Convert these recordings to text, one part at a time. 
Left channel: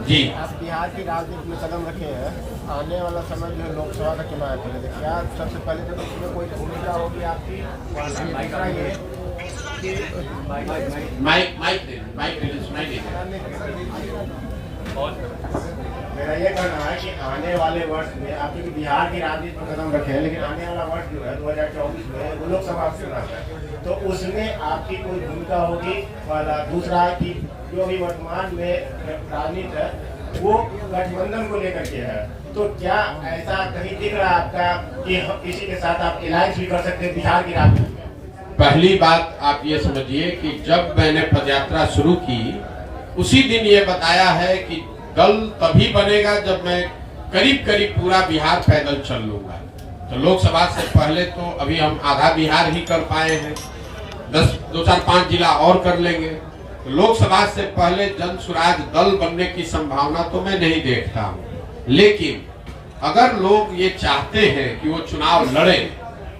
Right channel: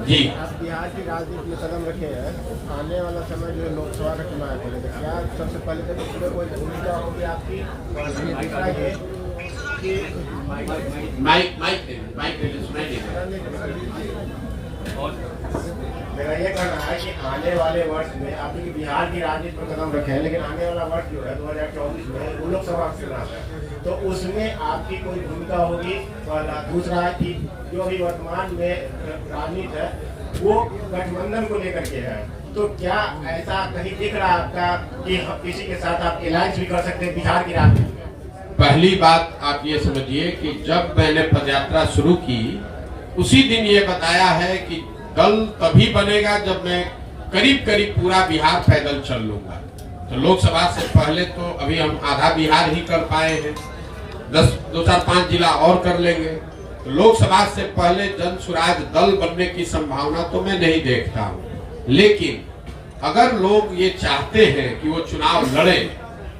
जी। आप बिहार की राजनीति में कदम रखे हैं, आने वाला समय जो है लोकसभा का चुनाव है, क्या सबसे पहले तो इसमें कोई भूमिका होगी आपकी? दूसरा ये कि मेरा ये कहना है कि आने वाले वर्ष में आप जो बिहार की राजनीति में कदम रखे हैं, लेकिन आने वाला वर्ष जो है 2024 में वो लोकसभा चुनाव है, तो उसमें आपकी कोई भूमिका होगी? और दूसरा है कि जो अभी वर्तमान में राजनीति है वो गठबंधन को लेकर के है, तो क्या ऐसा कहीं दिख रहा है आपका कि किसी के साथ आप अलायंस भी कर सकते हैं बिहार की राजनीति में? पहली बात आप ये समझिए कि जब मैंने पदयात्रा शुरू की उसी दिन ये बताया है कि दल तभी बनेगा जब मैं करीब करीब पूरा बिहार पैदल चल लूंगा। तो लोकसभा से पहले तो अभी हम आधा बिहार ही कर पाए हैं, 2 4 5 जिला और कर लेंगे। तो लोकसभा से पहले जन स्वराज दल बनने की संभावना तो मैं नहीं देखता हूँ। लेकिन अगर लोग ये चाहते हैं कि वो चुनाव लड़े,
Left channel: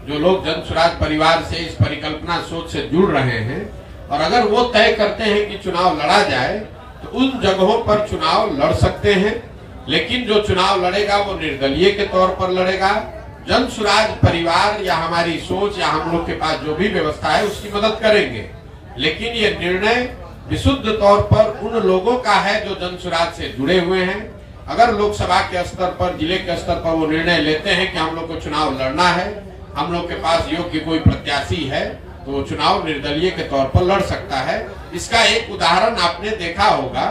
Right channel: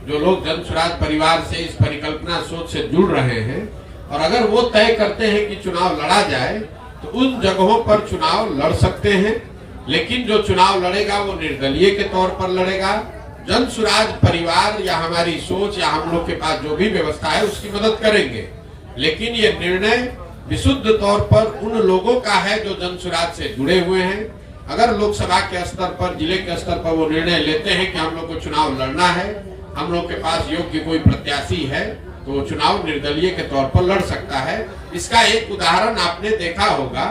जो लोग जन स्वराज परिवार से इस परिकल्पना सोच से जुड़ रहे हैं, और अगर वो तय करते हैं कि चुनाव लड़ा जाए तो उन जगहों पर चुनाव लड़ सकते हैं। लेकिन जो चुनाव लड़ेगा वो निर्दलीय के तौर पर लड़ेगा। जन स्वराज परिवार या हमारी सोच या हम लोग के पास जो भी व्यवस्था है उसकी मदद करेंगे, लेकिन ये निर्णय विशुद्ध तौर पर उन लोगों का है जो जन स्वराज से जुड़े हुए हैं। अगर लोकसभा के स्तर पर, जिले के स्तर पर वो निर्णय लेते हैं कि हम लोग को चुनाव लड़ना है, हम लोग के पास योग्य कोई प्रत्याशी है, तो वो चुनाव निर्दलीय के तौर पर लड़ सकता है। इसका एक उदाहरण आपने देखा होगा,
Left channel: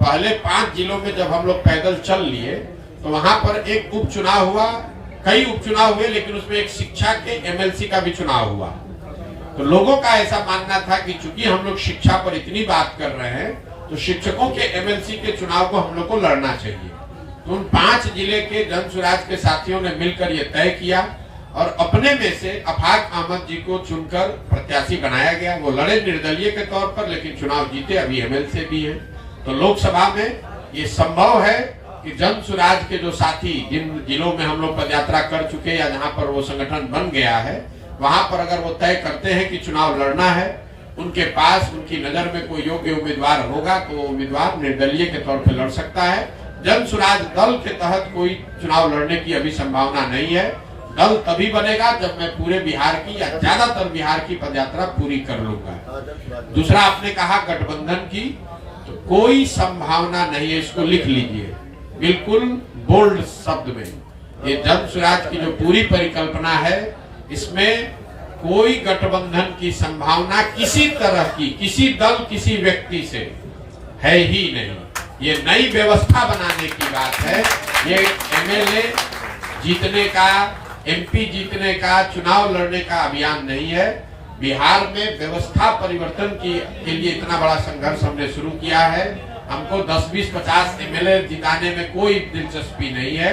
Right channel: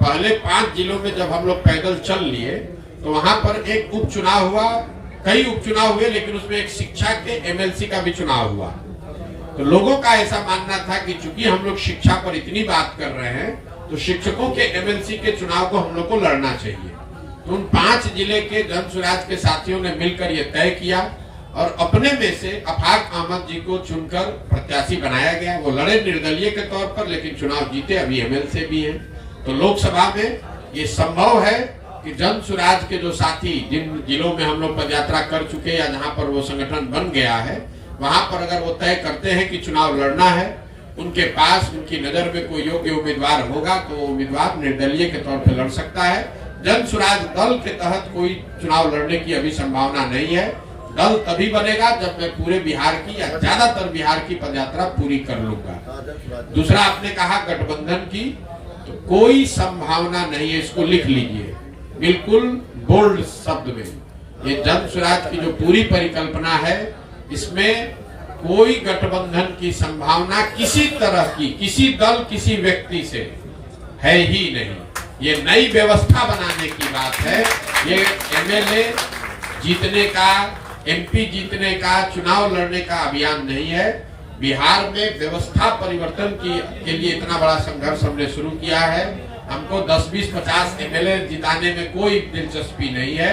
पहले 5 जिलों में जब हम लोग पैदल चल लिए तो वहां पर एक उपचुनाव हुआ, कई उपचुनाव हुए, लेकिन उसमें एक शिक्षा के एमएलसी का भी चुनाव हुआ। तो लोगों का ऐसा मानना था कि चूंकि हम लोग शिक्षा पर इतनी बात कर रहे हैं तो शिक्षकों के एमएलसी के चुनाव को हम लोग को लड़ना चाहिए। तो उन 5 जिले के जन स्वराज के साथियों ने मिलकर यह तय किया और अपने में से अफाक अहमद जी को चुनकर प्रत्याशी बनाया गया। वो लड़े निर्दलीय के तौर पर, लेकिन चुनाव जीते, अभी एमएलसी भी है। तो लोकसभा में ये संभव है कि जन स्वराज के जो साथी जिन जिलों में हम लोग पदयात्रा कर चुके या जहां पर वो संगठन बन गया है, वहां पर अगर वो तय करते हैं कि चुनाव लड़ना है, उनके पास उनकी नजर में कोई योग्य उम्मीदवार होगा तो वो उम्मीदवार निर्दलीय के तौर पर लड़ सकता है। जन स्वराज दल के तहत कोई चुनाव लड़ने की अभी संभावना नहीं है। दल तभी बनेगा जब मैं पूरे बिहार की या ज्यादातर बिहार की पदयात्रा पूरी कर लूंगा। दूसरा आपने कहा गठबंधन की, तो कोई संभावना नहीं है, इसको लिख लीजिए बिल्कुल बोल्ड शब्द में। ये जन स्वराज की जो पूरी परिकल्पना है, इसमें कोई गठबंधन की संभावना किसी तरह की, किसी दल किसी व्यक्ति से है ही नहीं। ये नई व्यवस्था बनाने की बात है। ये एमएलए जीतने का, एमपी जीतने का, चुनाव लड़ने का अभियान नहीं है। बिहार में व्यवस्था परिवर्तन के लिए इतना बड़ा संघर्ष हमने शुरू किया है। हमको 10, 20, 50 एमएलए जिताने में कोई दिलचस्पी नहीं है,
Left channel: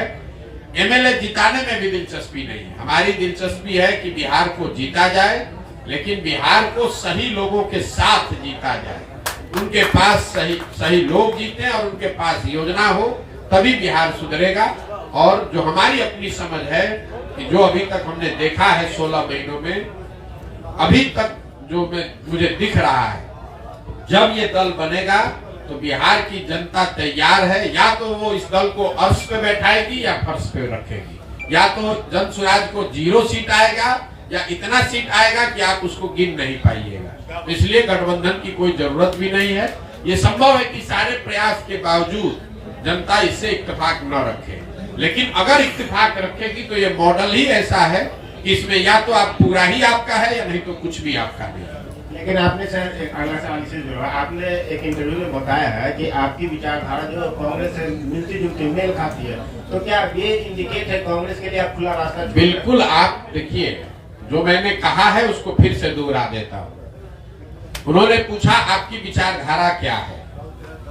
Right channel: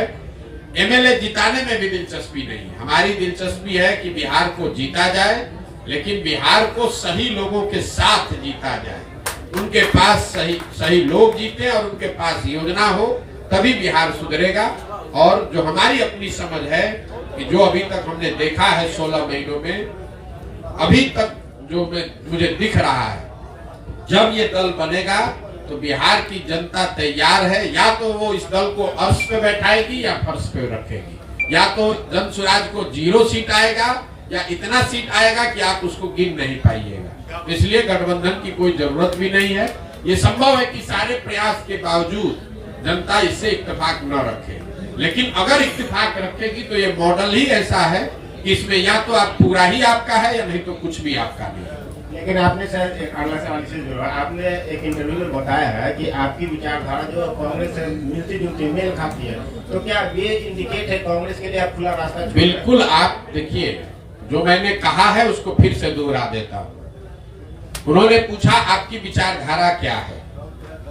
एमएलए जिताने में भी दिलचस्पी नहीं है। हमारी दिलचस्पी है कि बिहार को जीता जाए, लेकिन बिहार को सही लोगों के साथ जीता जाए, उनके पास सही लोग जीते और उनके पास योजना हो, तभी बिहार सुधरेगा। और जो हमारी अपनी समझ है कि जो अभी तक हमने देखा है 16 महीनों में, अभी तक जो मुझे दिख रहा है, जब ये दल बनेगा तो बिहार की जनता तैयार है। या तो वो इस दल को अर्श पे बैठाएगी या फर्श पे रखेगी, या तो जन स्वराज को 0 सीट आएगा या इतना सीट आएगा कि आप उसको गिन नहीं पाइएगा। इसलिए गठबंधन की कोई जरूरत भी नहीं है। ये संभव है कि सारे प्रयास के बावजूद जनता इससे इत्तेफाक न रखे, लेकिन अगर इत्तेफाक रखेगी तो ये मॉडल ही ऐसा है कि इसमें या तो आप पूरा ही आपका है या नहीं तो कुछ भी आपका नहीं है। लेकिन आपने शायद एक अगला सवाल से जो है, आपने एक इंटरव्यू में बताया है कि आपकी विचारधारा जो कांग्रेस से मिलती जुलती मेल खाती है, तो क्या ये इंडिकेट है कांग्रेस के लिए आप खुला रास्ता? बिल्कुल। आप देखिए, जो मैंने कहा है उसको फिर से दोहरा देता हूँ। उन्होंने पूछा आपकी विचारधारा क्या है,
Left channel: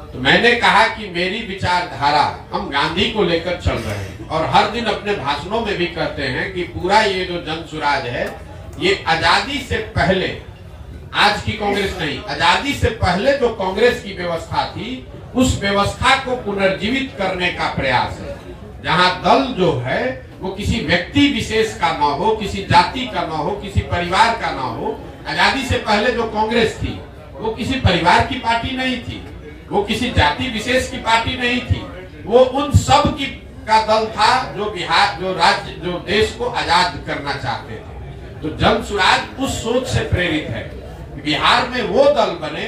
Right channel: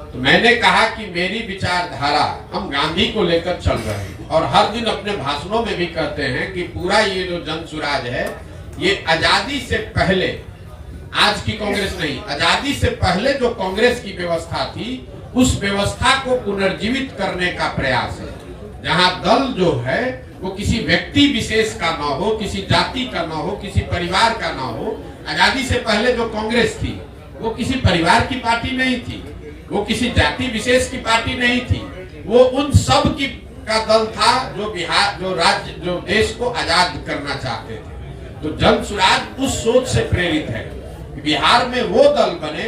तो मैंने कहा कि मेरी विचारधारा, हम गांधी को लेकर चल रहे हैं और हर दिन अपने भाषणों में भी कहते हैं कि पूरा ये जो जन स्वराज है, ये आजादी से पहले, आज की कांग्रेस नहीं, आजादी से पहले जो कांग्रेस की व्यवस्था थी, उस व्यवस्था को पुनर्जीवित करने का प्रयास है। जहां दल जो है वो किसी व्यक्ति विशेष का ना हो, किसी जाति का ना हो, किसी परिवार का ना हो। आजादी से पहले जो कांग्रेस थी वो किसी परिवार की पार्टी नहीं थी, वो किसी जाति विशेष की पार्टी नहीं थी, वो उन सब की का दल था जो बिहार, जो राज्य, जो देश को आजाद करना चाहते थे। तो जन सुराज उस सोच से प्रेरित है कि बिहार में वो दल बने,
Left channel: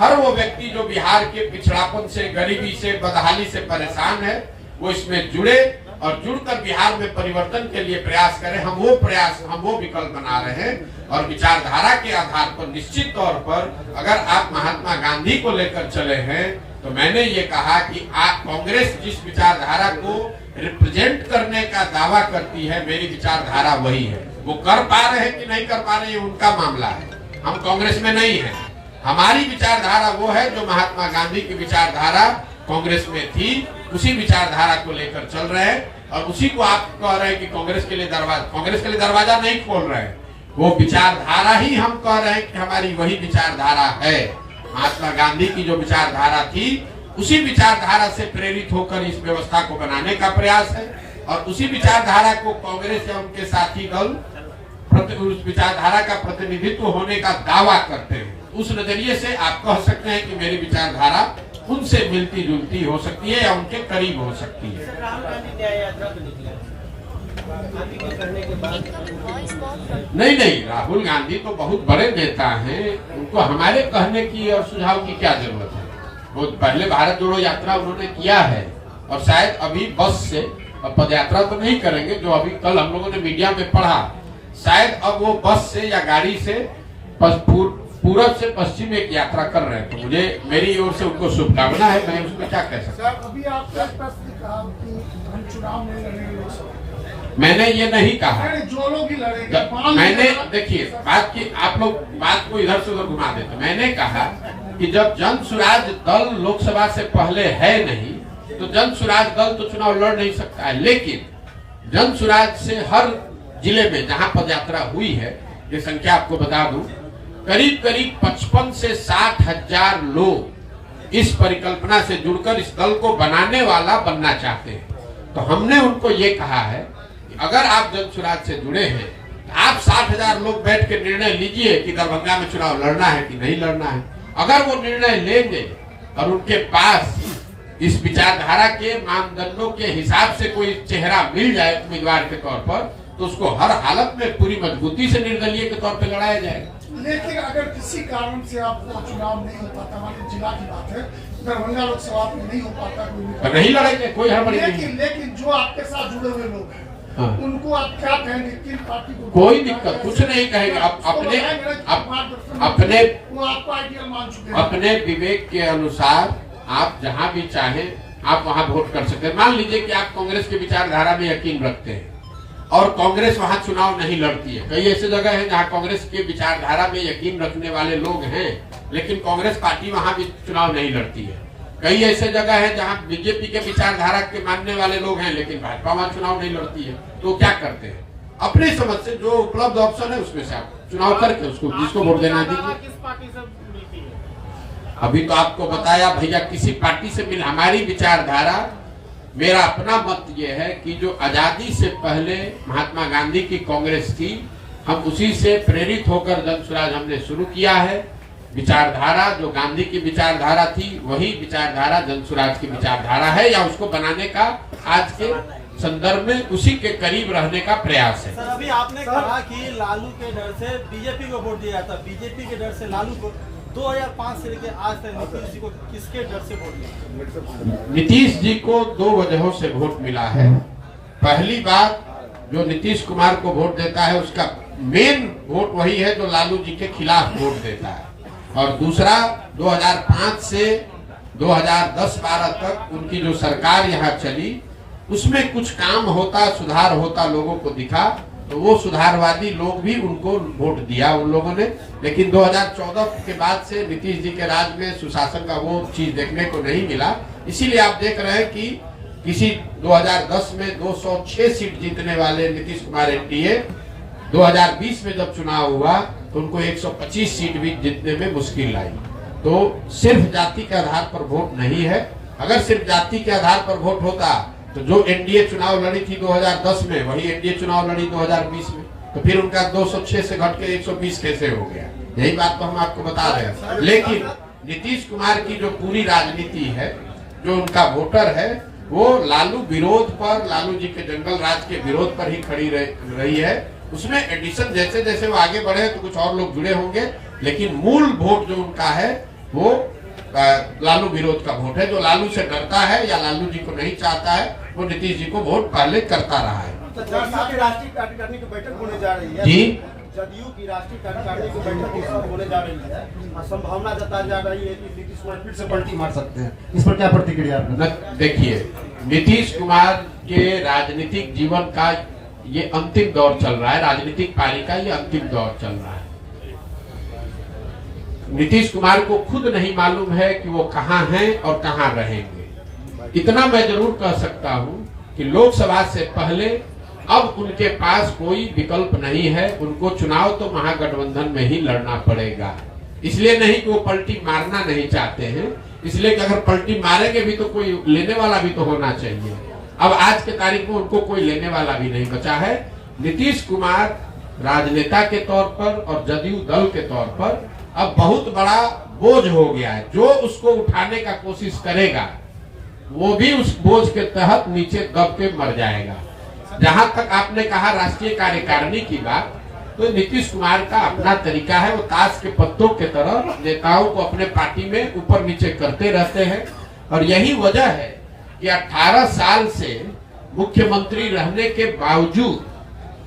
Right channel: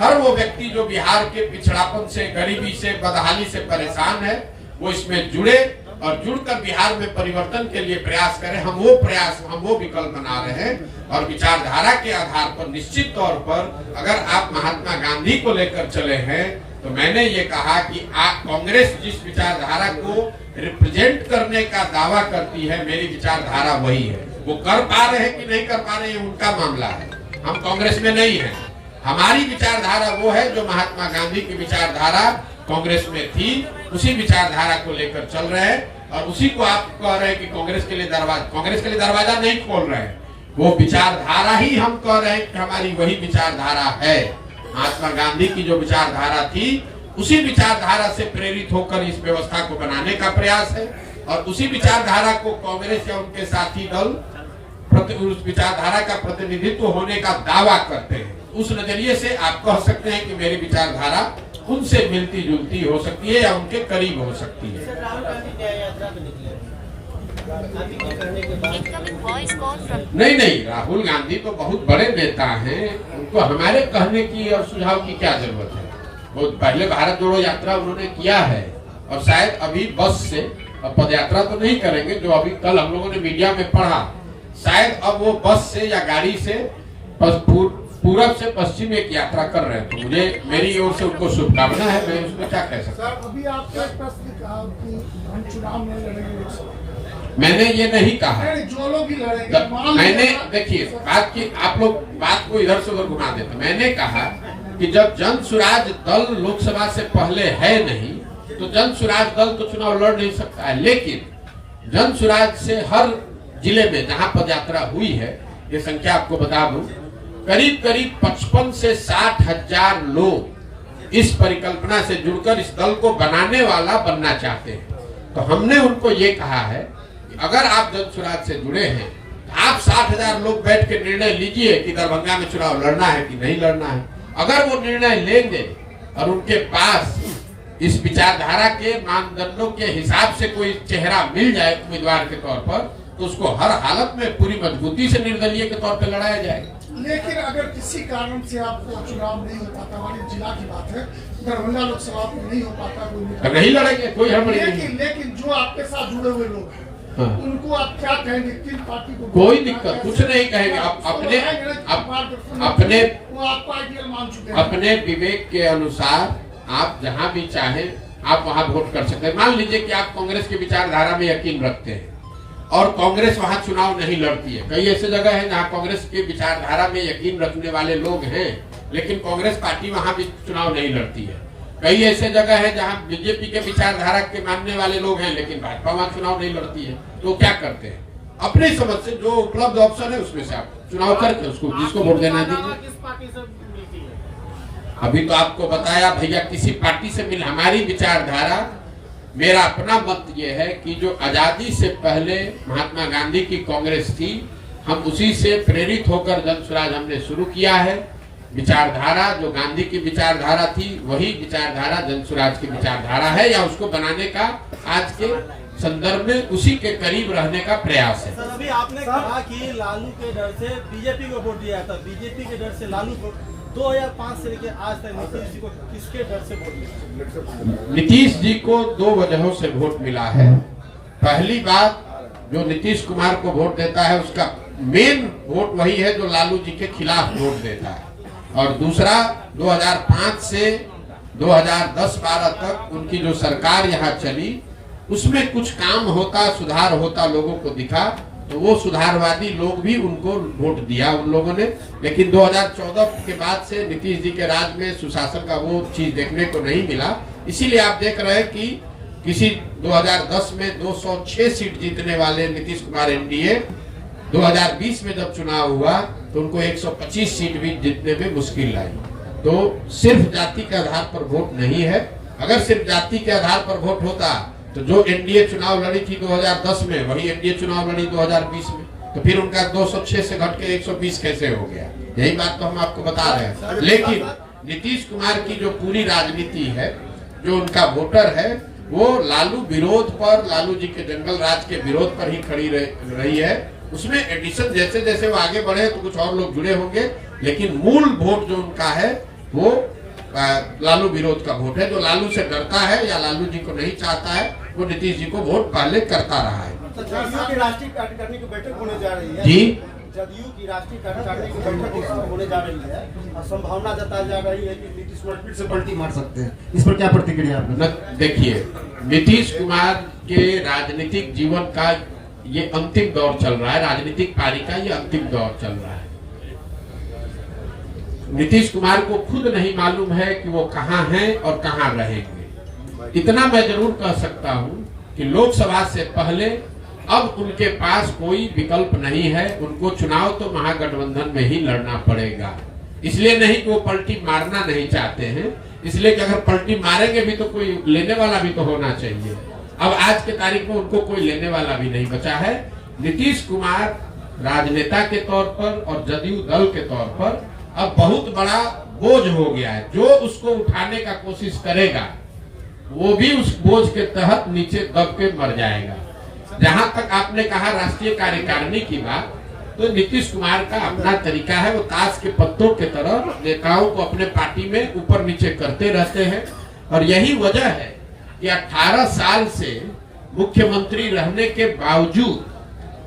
हर वो व्यक्ति जो बिहार के पिछड़ापन से, गरीबी से, बदहाली से परेशान है, वो इसमें जुड़े और जुड़कर बिहार में परिवर्तन के लिए प्रयास करें। हम वो विकल्प बना रहे हैं और विचारधारा के आधार पर निश्चित तौर पर अगर आप महात्मा गांधी को लेकर चले हैं तो मैंने ये कहा कि आप कांग्रेस जिस विचारधारा को रिप्रेजेंट करने का दावा करती है, मेरी विचारधारा वही है। वो कर पा रहे हैं कि नहीं कर पा रहे हैं उनका मामला है, हम कांग्रेस में नहीं है। हमारी विचारधारा वो है जो महात्मा गांधी की विचारधारा कांग्रेस में थी, उसी विचारधारा को लेकर चल रहे हैं और उसी को आप कह रहे हैं कि कांग्रेस के लिए दरवाजा नहीं खोल रहे हैं। वो विचारधारा ही हम कह रहे हैं कि हमारी वही विचारधारा है। महात्मा गांधी की जो विचारधारा थी, उसी विचारधारा से प्रेरित होकर इस व्यवस्था को बनाने का प्रयास है और उसी विचारधारा को कांग्रेस या उनके साथी दल उस विचारधारा का प्रतिनिधित्व होने का दावा करते हैं। उस नजरिए से आप कह सकते हैं कि मेरी विचारधारा उनसे मिलती जुलती हो सकती है या उनके करीब हो सकती है। नहीं, राहुल गांधी तो बहुत बड़े नेता हैं, उनको हमारे कहने की और सुझाव की क्या जरूरत है। वो पहले भारत जोड़ो यात्रा उन्होंने किया है और शायद अभी बस से पद यात्रा तो नहीं करेंगे, जो अभी कल हम लोगों ने मीडिया में पढ़ा, शायद अब वो बस से या गाड़ी से पूरब से पश्चिम एक यात्रा कर रहे हैं। तो मुझे मेरी ओर से उनको शुभकामना है, मैं उसमें क्या कह सकता हूँ। अभी आपने प्रश्न कहा कि हम चुनाव में लड़ेंगे, मैंने ये नहीं कहा। जो लोग ही लड़ेंगे, मैंने देखिए बात की, आप लोग बात को इधर से उधर घुमा देते। मैंने कहा कि जब जन सुराज दल लोकसभा से पहले है नहीं, तो जन सुराज दल तो चुनाव लड़ नहीं सकता है। लेकिन जन सुराज से हर जिले में जहां पदयात्रा हुई है, ये संख्या आपको बता दूं, करीब 55 से 60 हजार लोग इस परिकल्पना से जुड़कर इस दल को बनाने वाला बनना चाहते हैं। तो हमने उनको ये कहा है कि अगर आप जन सुराज से जुड़े हैं, आप 60 हजार लोग बैठ के निर्णय लीजिए कि दरभंगा में चुनाव लड़ना है कि नहीं लड़ना है। अगर वो निर्णय लेंगे और उनके पास इस विचारधारा के मानदंडों के हिसाब से कोई चेहरा मिल जाए उम्मीदवार के तौर पर, तो उसको हर हालत में पूरी मजबूती से निर्दलीय के तौर पर लड़ाया जाएगा। लेकिन अगर किसी कारण से आपको चुनाव नहीं हो पाता, हमारे जिला की बात है, दरभंगा लोकसभा में नहीं हो पाता, कोई नहीं लड़ेंगे, कोई हड़बड़ी नहीं। लेकिन जो आपके साथ जुड़े हुए लोग हैं, उनको आप क्या कहेंगे? किन पार्टी को? कोई दिक्कत कुछ नहीं कहेंगे। अपने विवेक के अनुसार आप जहां भी चाहें आप वहां वोट कर सकते हैं। मान लीजिए कि आप कांग्रेस की विचारधारा में यकीन रखते हैं और कांग्रेस वहां चुनाव नहीं लड़ती है। कई ऐसे जगह है जहां कांग्रेस की विचारधारा में यकीन रखने वाले लोग हैं, लेकिन कांग्रेस पार्टी वहां भी चुनाव नहीं लड़ती है। कई ऐसे जगह है जहां बीजेपी के विचारधारा के मानने वाले लोग हैं, लेकिन भाजपा वहां चुनाव नहीं लड़ती है। तो क्या करते हैं, अपनी समझ से जो उपलब्ध ऑप्शन है उसमें से आप चुनाव करके उसको जिसको वोट देना दीजिए। अभी तो आपको बताया भैया, किसी पार्टी से मिल, हमारी विचारधारा, मेरा अपना मत ये है कि जो आजादी से पहले महात्मा गांधी की कांग्रेस थी, हम उसी से प्रेरित होकर जन सुराज हमने शुरू किया है। विचारधारा जो गांधी की विचारधारा थी, वही विचारधारा जन सुराज की विचारधारा है, या उसको बनाने का आज के संदर्भ में उसी के करीब रहने का प्रयास है। सर, अभी आपने कहा कि लालू के डर से बीजेपी को वोट दिया था, बीजेपी के डर से लालू को। 2005 से लेकर आज तक नीतीश जी को किसके डर से वोट मिला? नीतीश जी को 2 वजहों से वोट मिला है। पहली बात, जो नीतीश कुमार को वोट देता है उसका मेन वोट वही है जो लालू जी के खिलाफ वोट देता है। और दूसरा, 2005 से 2010-12 तक उनकी जो सरकार यहाँ चली, उसमें कुछ काम होता, सुधार होता लोगों को दिखा, तो वो सुधारवादी लोग भी उनको वोट दिया उन लोगों ने। लेकिन 2014 के बाद से नीतीश जी के राज में सुशासन का वो चीज देखने को नहीं मिला। इसीलिए आप देख रहे हैं कि किसी 2010 में 206 सीट जीतने वाले नीतीश कुमार एनडीए 2020 में जब चुनाव हुआ तो उनको 125 सीट भी जीतने में मुश्किल आई। तो सिर्फ जाति के आधार पर वोट नहीं है। अगर सिर्फ जाति के आधार पर वोट होता तो जो एनडीए चुनाव लड़ी थी 2010 में, वही एनडीए चुनाव लड़ी 2020 में, तो फिर उनका 206 से घट के 120 कैसे हो गया? यही बात तो हम आपको बता रहे हैं। नीतीश कुमार की जो पूरी राजनीति है, जो उनका वोटर है, वो लालू विरोध पर, लालू जी के जंगल राज के विरोध पर ही खड़ी रही है। उसमें एडिशन जैसे जैसे वो आगे बढ़े तो कुछ और लोग जुड़े होंगे, लेकिन मूल वोट जो उनका है वो लालू विरोध का वोट है। जो लालू से डरता है या लालू जी को नहीं चाहता है, वो नीतीश जी को वोट पहले करता रहा है। तो जदयू की राष्ट्रीय कार्यकारिणी की बैठक होने जा रही है जी, जदयू की राष्ट्रीय कार्यकारिणी की बैठक होने जा रही है और संभावना जताई जा रही है कि नीतीश कुमार फिर से पलटी मार सकते हैं। इस पर क्या प्रतिक्रिया आपने? देखिए, नीतीश कुमार के राजनीतिक जीवन का ये अंतिम दौर चल रहा है, राजनीतिक पारी का ये अंतिम दौर चल रहा है। नीतीश कुमार को खुद नहीं मालूम है कि वो कहाँ हैं और कहाँ रहेंगे। इतना मैं जरूर कह सकता हूँ कि लोकसभा से पहले अब उनके पास कोई विकल्प नहीं है। उनको चुनाव तो महागठबंधन में ही लड़ना पड़ेगा। इसलिए नहीं कि वो पलटी मारना नहीं चाहते हैं, इसलिए कि अगर पलटी मारेंगे भी तो कोई लेने वाला भी तो होना चाहिए। अब आज के तारीख में उनको कोई लेने वाला भी नहीं बचा है। नीतीश कुमार राजनेता के तौर पर और जदयू दल के तौर पर अब बहुत बड़ा बोझ हो गया है। जो उसको उठाने का कोशिश करेगा वो भी उस बोझ के तहत नीचे दब के मर जाएगा। जहां तक आपने कहा राष्ट्रीय कार्यकारिणी की बात, तो नीतीश कुमार का अपना तरीका है। वो ताश के पत्तों के तरह नेताओं को अपने पार्टी में ऊपर नीचे करते रहते हैं और यही वजह है कि 18 साल से मुख्यमंत्री रहने के बावजूद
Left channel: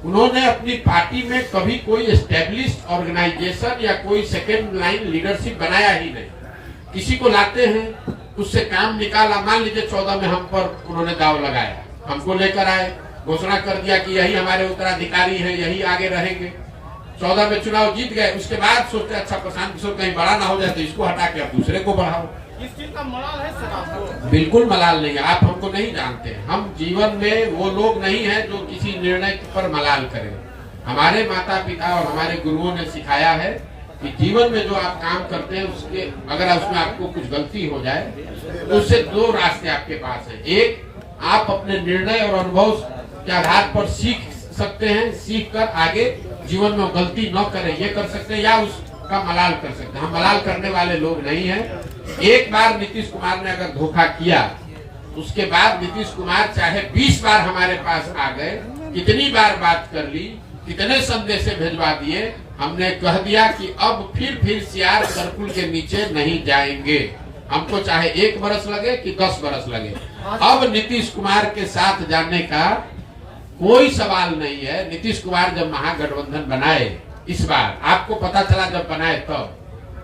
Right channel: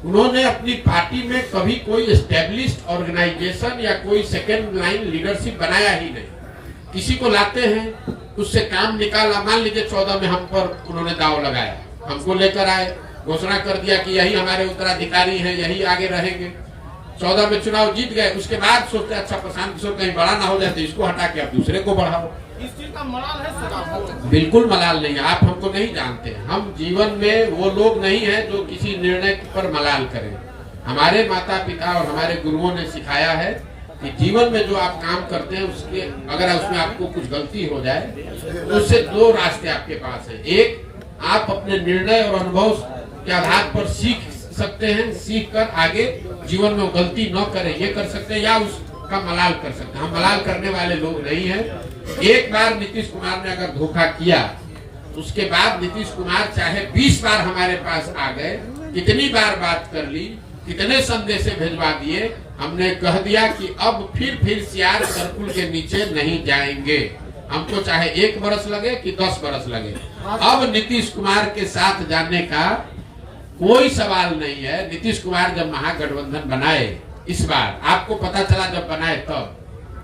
उन्होंने अपनी पार्टी में कभी कोई एस्टेब्लिश्ड ऑर्गेनाइजेशन या कोई सेकेंड लाइन लीडरशिप बनाया ही नहीं। किसी को लाते हैं, उससे काम निकाला। मान लीजिए 14 में हम पर उन्होंने दाव लगाया, हमको लेकर आए, घोषणा कर दिया कि यही हमारे उत्तराधिकारी हैं, यही आगे रहेंगे। 14 में चुनाव जीत गए, उसके बाद सोचते अच्छा प्रशांत किशोर कहीं बड़ा ना हो जाए तो इसको हटा के अब दूसरे को बढ़ाओ। इस चीज का मलाल है सर आपको? बिल्कुल मलाल नहीं है। आप हमको नहीं जानते। हम जीवन में वो लोग नहीं है जो किसी निर्णय पर मलाल करें। हमारे माता पिता और हमारे गुरुओं ने सिखाया है कि जीवन में जो आप काम करते हैं उसके अगर उसमें आपको कुछ गलती हो जाए तो उससे दो रास्ते आपके पास है। एक, आप अपने निर्णय और अनुभव के आधार पर सीख सकते हैं, सीख कर आगे जीवन में गलती न करें ये कर सकते हैं, या उसका मलाल कर सकते हैं। हम मलाल करने वाले लोग नहीं हैं। एक बार नीतीश कुमार ने अगर धोखा किया, उसके बाद नीतीश कुमार चाहे 20 बार हमारे पास आ गए, कितनी बार बात कर ली, कितने संदेश भेजवा दिए, हमने कह दिया कि अब फिर सियार सर्कुल के नीचे नहीं जाएंगे। हमको चाहे 1 बरस लगे कि 10 बरस लगे, अब नीतीश कुमार के साथ जाने का कोई सवाल नहीं है। नीतीश कुमार जब महागठबंधन बनाए, इस बार आपको पता चला जब बनाए तब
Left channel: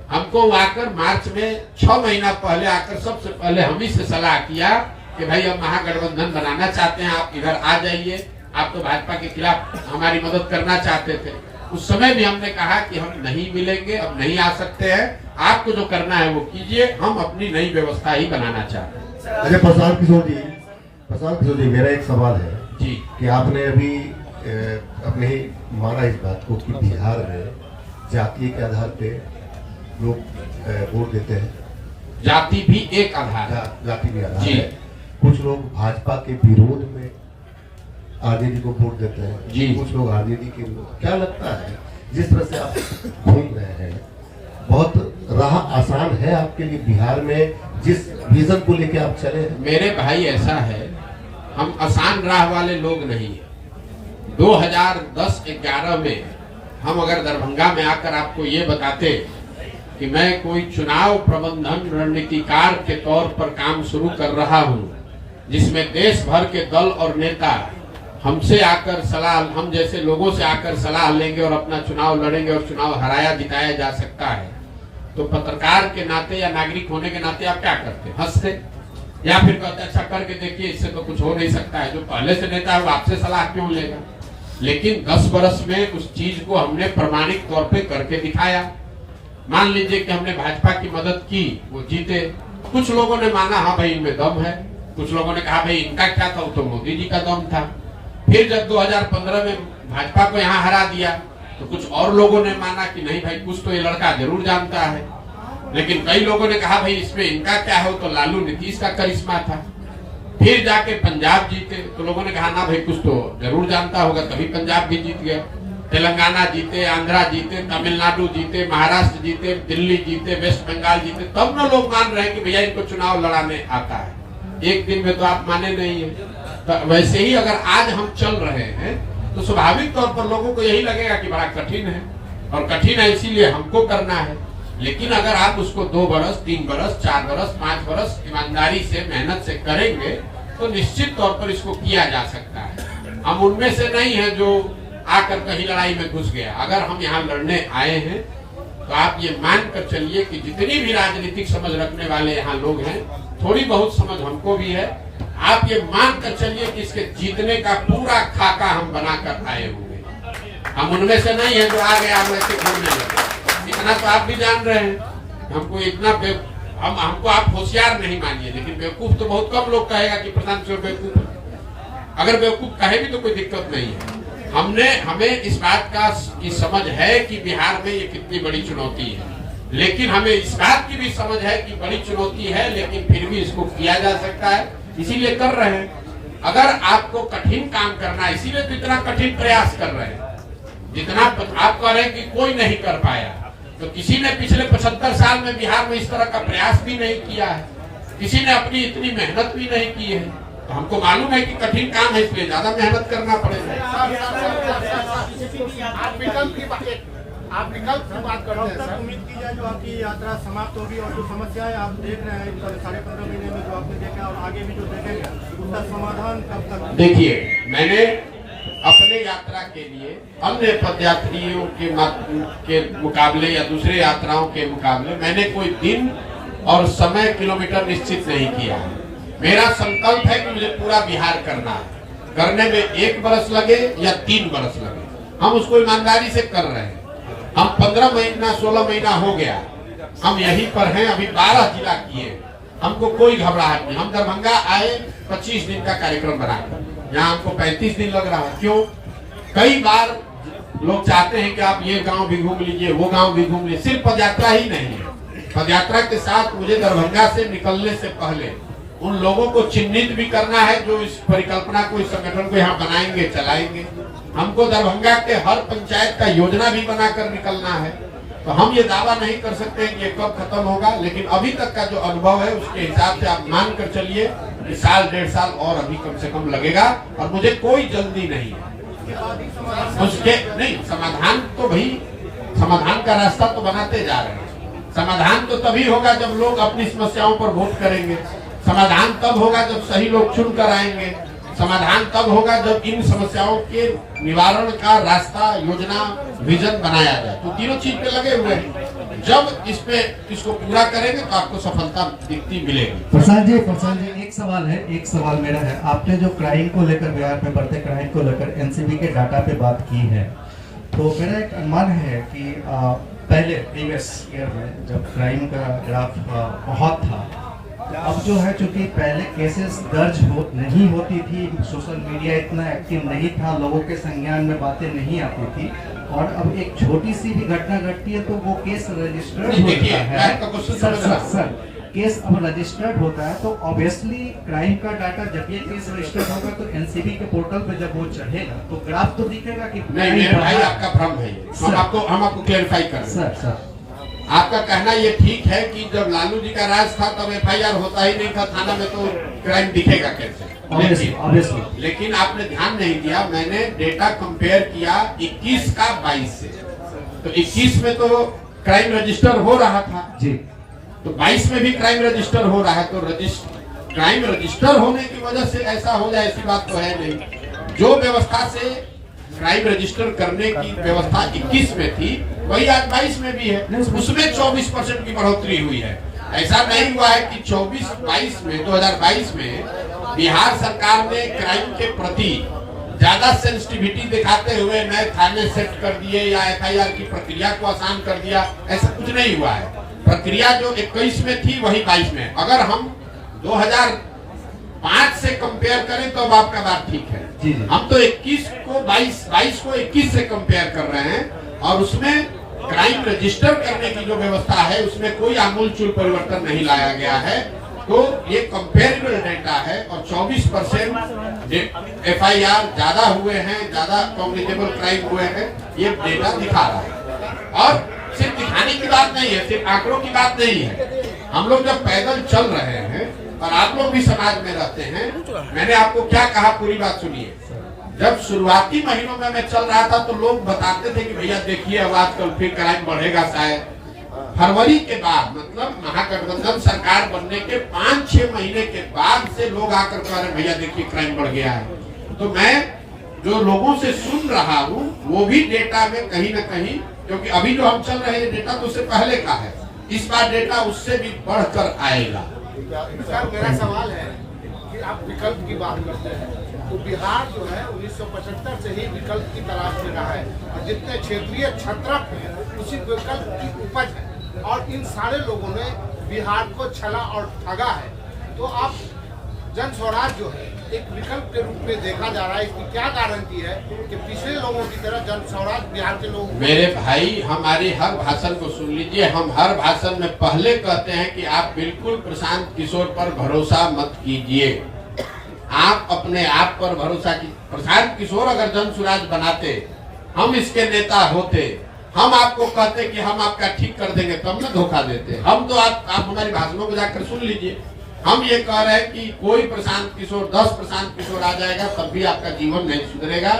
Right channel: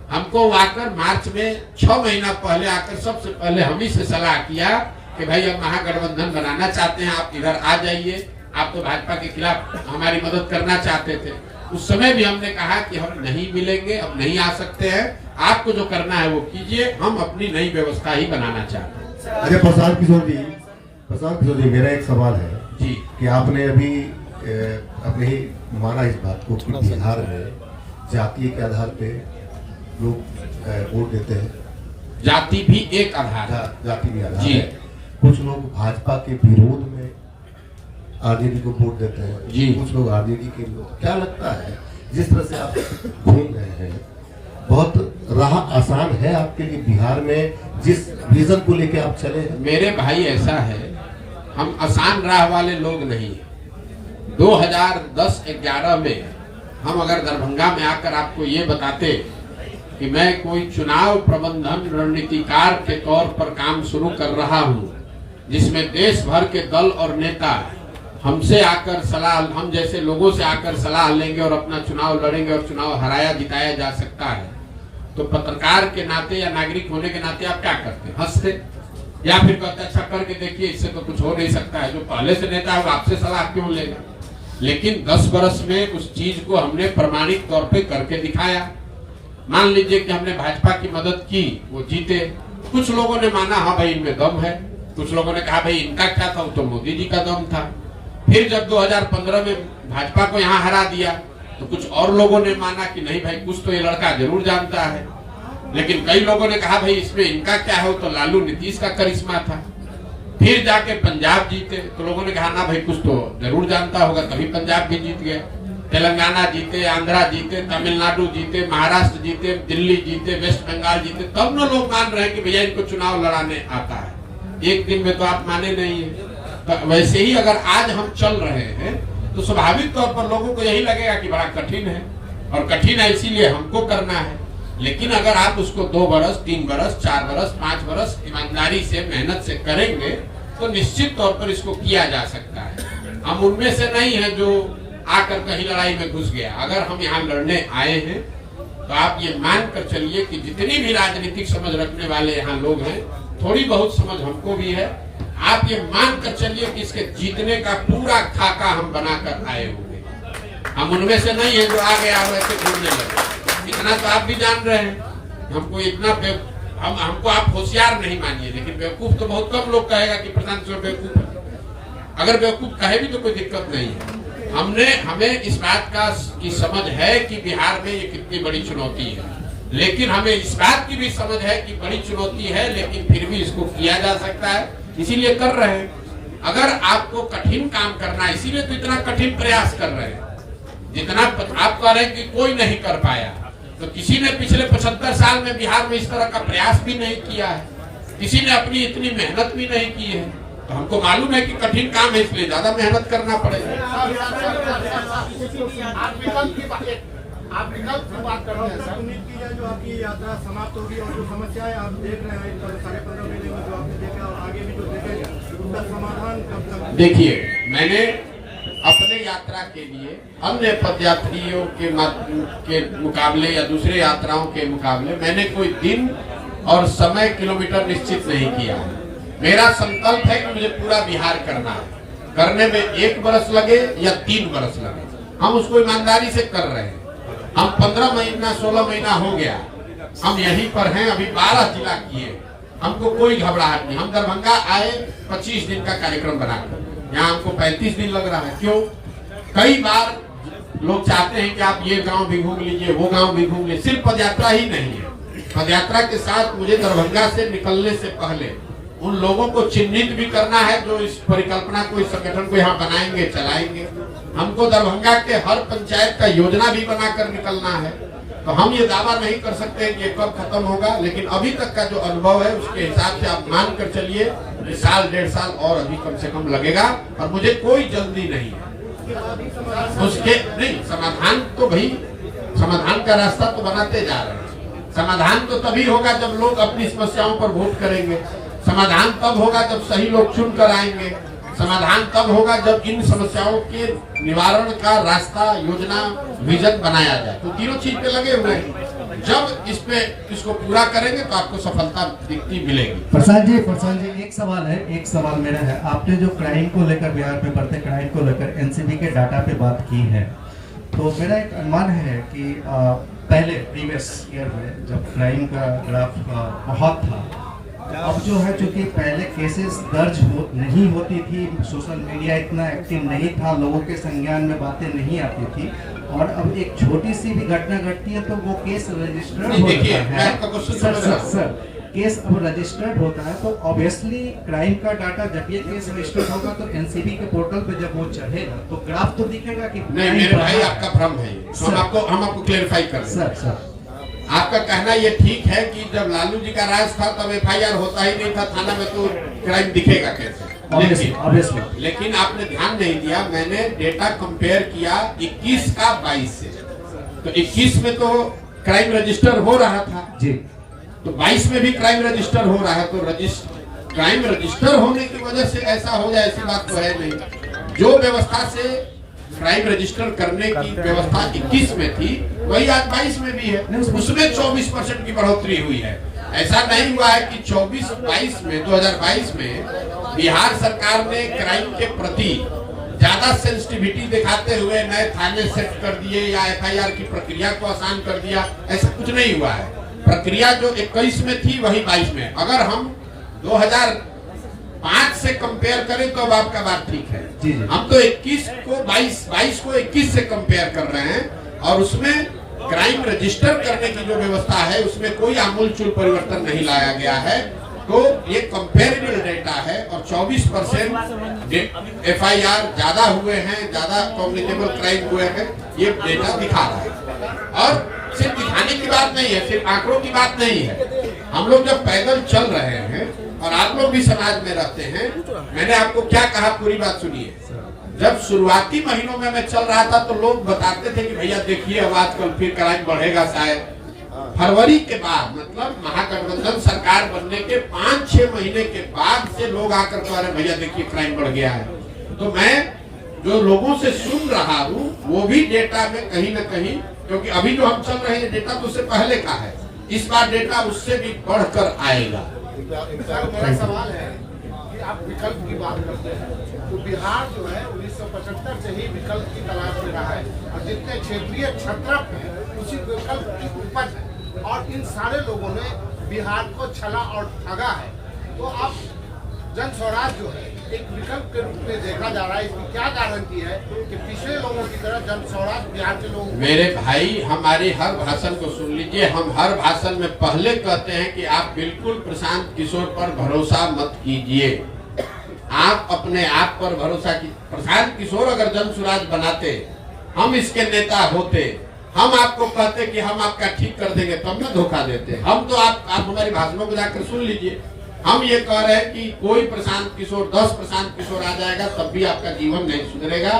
हमको आकर मार्च में 6 महीना पहले आकर सबसे पहले हम ही से सलाह किया कि भाई अब महागठबंधन बनाना चाहते हैं, आप इधर आ जाइए। आप तो भाजपा के खिलाफ हमारी मदद करना चाहते थे। उस समय भी हमने कहा कि हम नहीं मिलेंगे, अब नहीं आ सकते हैं, आपको जो करना है वो कीजिए, हम अपनी नई व्यवस्था ही बनाना चाहते हैं। अरे प्रशांत किशोर जी, मेरा एक सवाल है जी कि आपने अभी अपने ही माना इस बात को कि बिहार में जाति के आधार पे लोग वोट देते हैं। जाति भी एक आधार है। जाति भी आधार जी। है। कुछ लोग भाजपा के विरोध में आरजेडी को वोट देते हैं जी। कुछ लोग आरजेडी के विरोध। क्या लगता है जिस तरह से आप घूम रहे हैं, बहुत राह आसान है आपके लिए बिहार में जिस विजन को लेकर आप चले हैं? मेरे भाई ऐसा है, हम आसान राह वाले लोग नहीं। 2010-11 में हम अगर दरभंगा में आकर आपको ये बताते कि मैं कोई चुनाव प्रबंधन रणनीतिकार के तौर पर काम शुरू कर रहा हूं, जिसमें देश भर के दल और नेता हमसे आकर सलाह, हम जैसे लोगों से आकर सलाह लेंगे और अपना चुनाव लड़ेंगे और चुनाव हराया जिताया जा सकता है, तो पत्रकार के नाते या नागरिक होने के नाते आप क्या करते? हंसते या फिर कहते अच्छा करके देखिए, इससे तो कुछ हो नहीं सकता है। जो पहले से नेता है वो आपसे सलाह क्यों लेगा? लेकिन 10 वर्ष में उस चीज को हमने प्रमाणिक तौर पे करके दिखाया। मान लीजिए कि हमने भाजपा की मदद की, वो जीते। कुछ लोगों ने माना हाँ भाई इनमें दम है, कुछ लोगों ने कहा भाई इनका क्या था, तो मोदी जी का दम था। फिर जब 2015 में भाजपा को यहाँ हरा दिया तो कुछ और लोगों ने माना कि नहीं भाई कुछ तो ये लड़का जरूर जानता है। लेकिन कई लोगों ने कहा भाई इसमें इनका क्या हो, तो लालू नीतीश का करिश्मा था। फिर जाके पंजाब जीते तो लोगों ने कहा ना भाई कुछ तो जरूर जानता होगा, कभी पंजाब भी जीत गया। तेलंगाना जीते, आंध्रा जीते, तमिलनाडु जीते, महाराष्ट्र जीते, दिल्ली जीते, वेस्ट बंगाल जीते, तब ना लोग मान रहे हैं कि भैया इनको चुनाव लड़ाने आता है। एक दिन में तो आप माने नहीं है। तो वैसे ही अगर आज हम चल रहे हैं तो स्वाभाविक तौर पर लोगों को यही लगेगा कि बड़ा कठिन है, और कठिन है इसीलिए हमको करना है। लेकिन अगर आप उसको 2 बरस, 3 बरस, 4 बरस, 5 बरस ईमानदारी से, मेहनत से करेंगे तो निश्चित तौर पर इसको किया जा सकता है। हम उनमें से नहीं है जो आकर कहीं लड़ाई में घुस गया। अगर हम यहाँ लड़ने आए हैं तो आप ये मान कर चलिए कि जितनी भी राजनीतिक समझ रखने वाले यहाँ लोग हैं, थोड़ी बहुत समझ हमको भी है। आप ये मान कर चलिए कि इसके जीतने का पूरा खाका हम बनाकर आए हुए। हम उनमें से नहीं है जो आगे आगे के घूमने लगे। इतना तो आप भी जान रहे हैं। हमको इतना हमको आप होशियार नहीं मानिए, लेकिन बेवकूफ तो बहुत कम लोग कहेगा कि प्रधान बेवकूफ है। अगर बेवकूफ कहे भी तो कोई दिक्कत नहीं है। हमें इस बात की समझ है कि बिहार में ये कितनी बड़ी चुनौती है, लेकिन हमें इस बात की भी समझ है कि बड़ी चुनौती है, लेकिन फिर भी इसको किया जा सकता है, इसीलिए कर रहे हैं। अगर आपको कठिन काम करना है, इसीलिए तो इतना कठिन प्रयास कर रहे हैं। जितना आप कह रहे हैं कि कोई नहीं कर पाया, तो किसी ने पिछले 75 साल में बिहार में इस तरह का प्रयास भी नहीं किया है, किसी ने अपनी इतनी मेहनत भी नहीं की है। तो हमको मालूम है कि कठिन काम है, इसलिए ज्यादा मेहनत करना पड़ेगा। आप विकल्प की बात कर रहे हैं सर। उम्मीद की जाए जो आपकी यात्रा समाप्त होगी और जो समस्याएं आप देख रहे हैं 15.5 महीने में जो आपने देखा और आगे भी जो देखेंगे उसका समाधान कब तक? देखिए, मैंने अपने यात्रा के लिए अन्य पदयात्रियों के मुकाबले या दूसरे यात्राओं के मुकाबले मैंने कोई दिन और समय, किलोमीटर निश्चित नहीं किया है। मेरा संकल्प है कि मुझे पूरा बिहार करना है। करने में 1 बरस लगे या 3 बरस लगे, हम उसको ईमानदारी से कर रहे हैं। हम 15 महीना 16 महीना हो गया हम यहीं पर हैं। अभी 12 जिला किए, हमको कोई घबराहट नहीं। हम दरभंगा आए 25 दिन का कार्यक्रम बनाकर, यहाँ हमको 35 दिन लग रहा है। क्यों? कई बार लोग चाहते हैं कि आप ये गांव भी घूम लीजिए, वो गांव भी घूम लीजिए। सिर्फ पदयात्रा ही नहीं है, पदयात्रा के साथ मुझे दरभंगा से निकलने से पहले उन लोगों को चिन्हित भी करना है जो इस परिकल्पना को, इस संगठन को यहाँ बनाएंगे, चलाएंगे। हमको दरभंगा के हर पंचायत का योजना भी बनाकर निकलना है। तो हम ये दावा नहीं कर सकते कि ये कब खत्म होगा, लेकिन अभी तक का जो अनुभव है उसके हिसाब से आप मान कर चलिए कि 1.5 साल और अभी कम से कम लगेगा, और मुझे कोई जल्दी नहीं है। उसके नहीं समाधान तो भाई, समाधान का रास्ता तो बनाते जा रहे हैं। समाधान तो तभी होगा जब लोग अपनी समस्याओं पर वोट करेंगे। समाधान तब होगा जब सही लोग चुन कर आएंगे। समाधान तब होगा जब इन समस्याओं के निवारण का रास्ता, योजना, विजन बनाया जाए। तो तीनों चीज पे लगे हुए हैं। जब इसको पूरा करेंगे तो आपको सफलता दिखती मिलेगी। प्रशांत जी एक सवाल मेरा है। आपने जो क्राइम को लेकर, बिहार में बढ़ते क्राइम को लेकर एनसीबी के डाटा पे बात की है, तो मेरा एक अनुमान है कि पहले प्रीवियस ईयर में जब क्राइम का ग्राफ बहुत था, अब जो है चूंकि पहले केसेस दर्ज नहीं होती थी, सोशल मीडिया इतना एक्टिव नहीं था, लोगों के संज्ञान में बातें नहीं आती थी, और अब एक छोटी सी भी घटना घटती है तो वो केस रजिस्टर्ड होता है। सर केस अब रजिस्टर्ड होता है तो ऑब्वियसली क्राइम का डाटा, जब ये केस रजिस्टर्ड होगा तो एनसीबी के पोर्टल पे जब वो चढ़ेगा तो ग्राफ तो दिखेगा कि नहीं। मेरे भाई आपका भ्रम है, हम आपको क्लेरिफाई कर रहे हैं। सर आपका कहना ये ठीक है कि जब लालू जी का राज था तब एफआईआर होता ही नहीं था थाना में, तो क्राइम दिखेगा कैसे? लेकिन आपने ध्यान नहीं दिया, मैंने डेटा कंपेयर किया 21 का 22 से। तो 21 में तो क्राइम रजिस्टर हो रहा था जी, तो 22 में भी क्राइम रजिस्टर हो रहा है। तो क्राइम रजिस्टर होने की वजह से ऐसा हो जाए ऐसी बात तो है नहीं। जो व्यवस्था से क्राइम रजिस्टर करने की व्यवस्था 21 में थी वही आज 22 में भी है। उसमें 24% की बढ़ोतरी हुई है। ऐसा नहीं हुआ है कि 2022 में बिहार सरकार ने क्राइम के प्रति ज्यादा सेंसिटिविटी दिखाते हुए नए थाने सेट कर दिए या एफआईआर की प्रक्रिया को आसान कर दिया, ऐसा कुछ नहीं हुआ है। प्रक्रिया जो 21 में थी वही 22 में। अगर हम 2005 से कंपेयर करें तो अब आपका बात ठीक है। हम तो 21 को 22 को 21 से कंपेयर कर रहे हैं, और उसमें क्राइम रजिस्टर करने की जो व्यवस्था है उसमें कोई आमूलचूल परिवर्तन नहीं लाया गया है। तो ये कंपेरेबल डेटा है और 24% FIR ज्यादा हुए हैं, ज्यादा कॉग्निटिबल क्राइम हुए हैं, ये डेटा दिखा रहा है। और सिर्फ दिखाने की बात नहीं है, सिर्फ आंकड़ों की बात नहीं है। हम लोग जब पैदल चल रहे हैं और आप लोग भी समाज में रहते हैं, मैंने आपको क्या कहा पूरी बात सुनिए। जब शुरुआती महीनों में मैं चल रहा था तो लोग बताते थे कि भैया देखिए अब आजकल फिर क्राइम बढ़ेगा शायद। फरवरी के बाद मतलब महागठबंधन सरकार बनने के 5-6 महीने के बाद से लोग आकर कह रहे भैया देखिए क्राइम बढ़ गया है। तो मैं जो लोगों से सुन रहा हूँ वो भी डेटा में कहीं ना कहीं, क्योंकि अभी जो हम चल रहे हैं डेटा तो उससे पहले का है, इस बार डेटा उससे भी बढ़कर आएगा। सर मेरा सवाल है कि आप विकल्प की बात करते हैं तो बिहार जो है 1975 से ही विकल्प की तलाश में रहा है और जितने क्षेत्रीय छत्रप हैं उसी विकल्प की उपज है और इन सारे लोगों ने बिहार को छला और ठगा है। तो आप जन स्वराज जो है एक विकल्प के रूप में देखा जा रहा है, इसकी क्या गारंटी है कि पिछले लोगों की तरह जन स्वराज बिहार के लोग। मेरे भाई हमारी हर भाषण को सुन लीजिए, हम हर भाषण में पहले कहते हैं कि आप बिल्कुल प्रशांत किशोर पर भरोसा मत कीजिए, आप अपने आप पर भरोसा की। प्रशांत किशोर अगर जन स्वराज बनाते, हम इसके नेता होते, हम आपको कहते कि हम आपका ठीक कर देंगे, तब न धोखा देते। हम तो आप हमारी भाषणों को जाकर सुन लीजिए, हम ये कह रहे हैं कि कोई प्रशांत किशोर 10 प्रशांत किशोर आ जाएगा तब भी आपका जीवन नहीं सुधरेगा।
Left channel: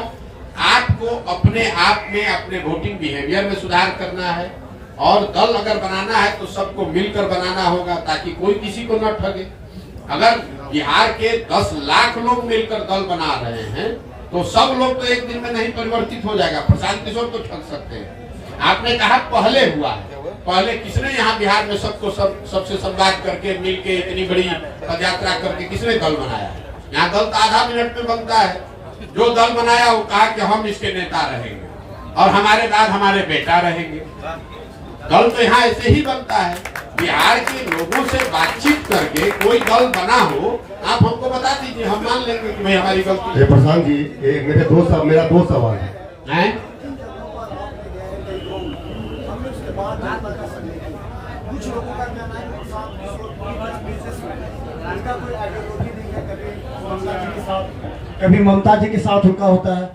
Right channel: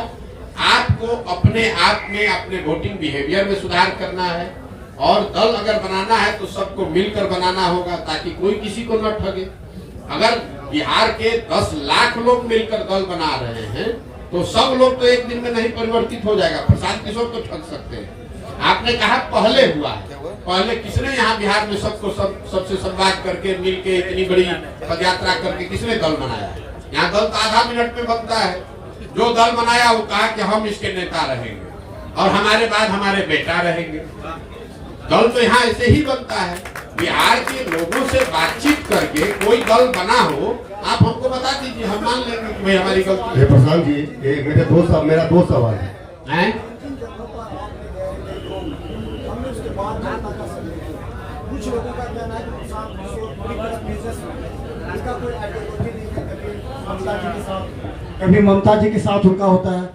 आपको अपने आप में अपने वोटिंग बिहेवियर में सुधार करना है और दल अगर बनाना है तो सबको मिलकर बनाना होगा ताकि कोई किसी को न ठगे। अगर बिहार के 10 लाख लोग मिलकर दल बना रहे हैं तो सब लोग तो एक दिन में नहीं परिवर्तित हो जाएगा। प्रशांत किशोर तो ठग सकते हैं। आपने कहा पहले हुआ है, पहले किसने यहाँ बिहार में सबको सबसे संवाद करके मिलके इतनी बड़ी पदयात्रा करके किसने दल बनाया? यहाँ दल तो आधा मिनट में बनता है। जो दल बनाया वो कहा कि हम इसके नेता रहेंगे और हमारे बाद हमारे बेटा रहेंगे। दल तो यहाँ ऐसे ही बनता है। बिहार के लोगों से बातचीत करके कोई दल बना हो, आप हमको बता दीजिए, हम मान लेंगे कि हमारी गलती है। प्रशांत जी, एक मेरा दो सवाल है। कुछ लोगों का कहना है कि प्रशांत किशोर उनका कोई आइडियोलॉजी नहीं है, कभी ममता जी के साथ उनका होता है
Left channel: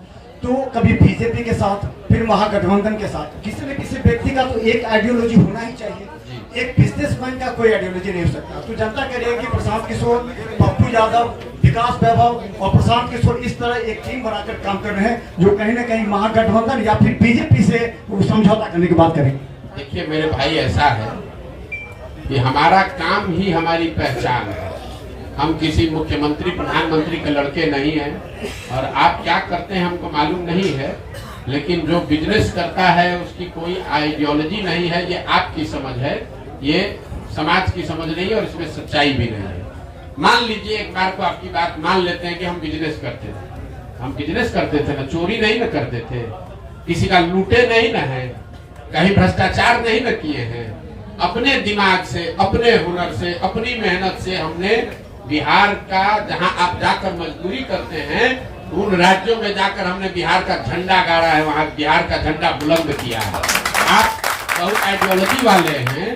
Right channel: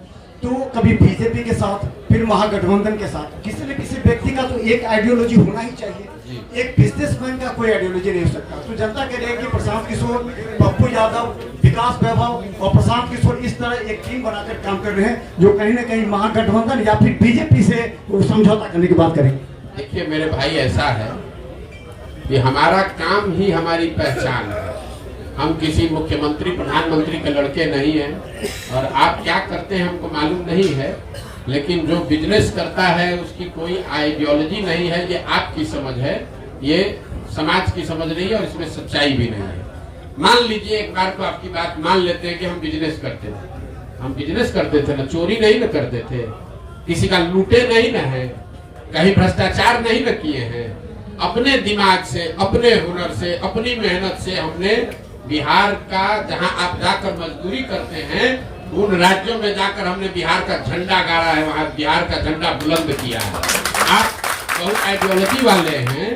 तो कभी बीजेपी के साथ, फिर महागठबंधन के साथ। किसी न किसी व्यक्ति का तो एक आइडियोलॉजी होना ही चाहिए। एक बिजनेसमैन का कोई आइडियोलॉजी नहीं हो सकता। तो जनता कह रही है कि प्रशांत किशोर, पप्पू यादव, विकास वैभव और प्रशांत किशोर इस तरह एक टीम बनाकर काम कर रहे हैं जो कहीं ना कहीं महागठबंधन या फिर बीजेपी से समझौता करने की बात करेंगे। देखिए मेरे भाई, ऐसा है कि हमारा काम ही हमारी पहचान है। हम किसी मुख्यमंत्री प्रधानमंत्री के लड़के नहीं हैं और आप क्या करते हैं हमको मालूम नहीं है, लेकिन जो बिजनेस करता है उसकी कोई आइडियोलॉजी नहीं है। ये आपकी समझ है, ये समाज की समझ नहीं है और इसमें सच्चाई भी नहीं है। मान लीजिए एक बार को आपकी बात मान लेते हैं कि हम बिजनेस करते थे। हम बिजनेस करते थे ना, चोरी नहीं न करते थे, किसी का लूटे नहीं न है, कहीं भ्रष्टाचार नहीं न किए हैं। अपने दिमाग से, अपने हुनर से, अपनी मेहनत से हमने बिहार का, जहां आप जाकर मजदूरी करते हैं उन राज्यों में जाकर हमने बिहार का झंडा गाड़ा है, वहां बिहार का झंडा बुलंद किया है। आप बहुत आइडियोलॉजी वाले हैं,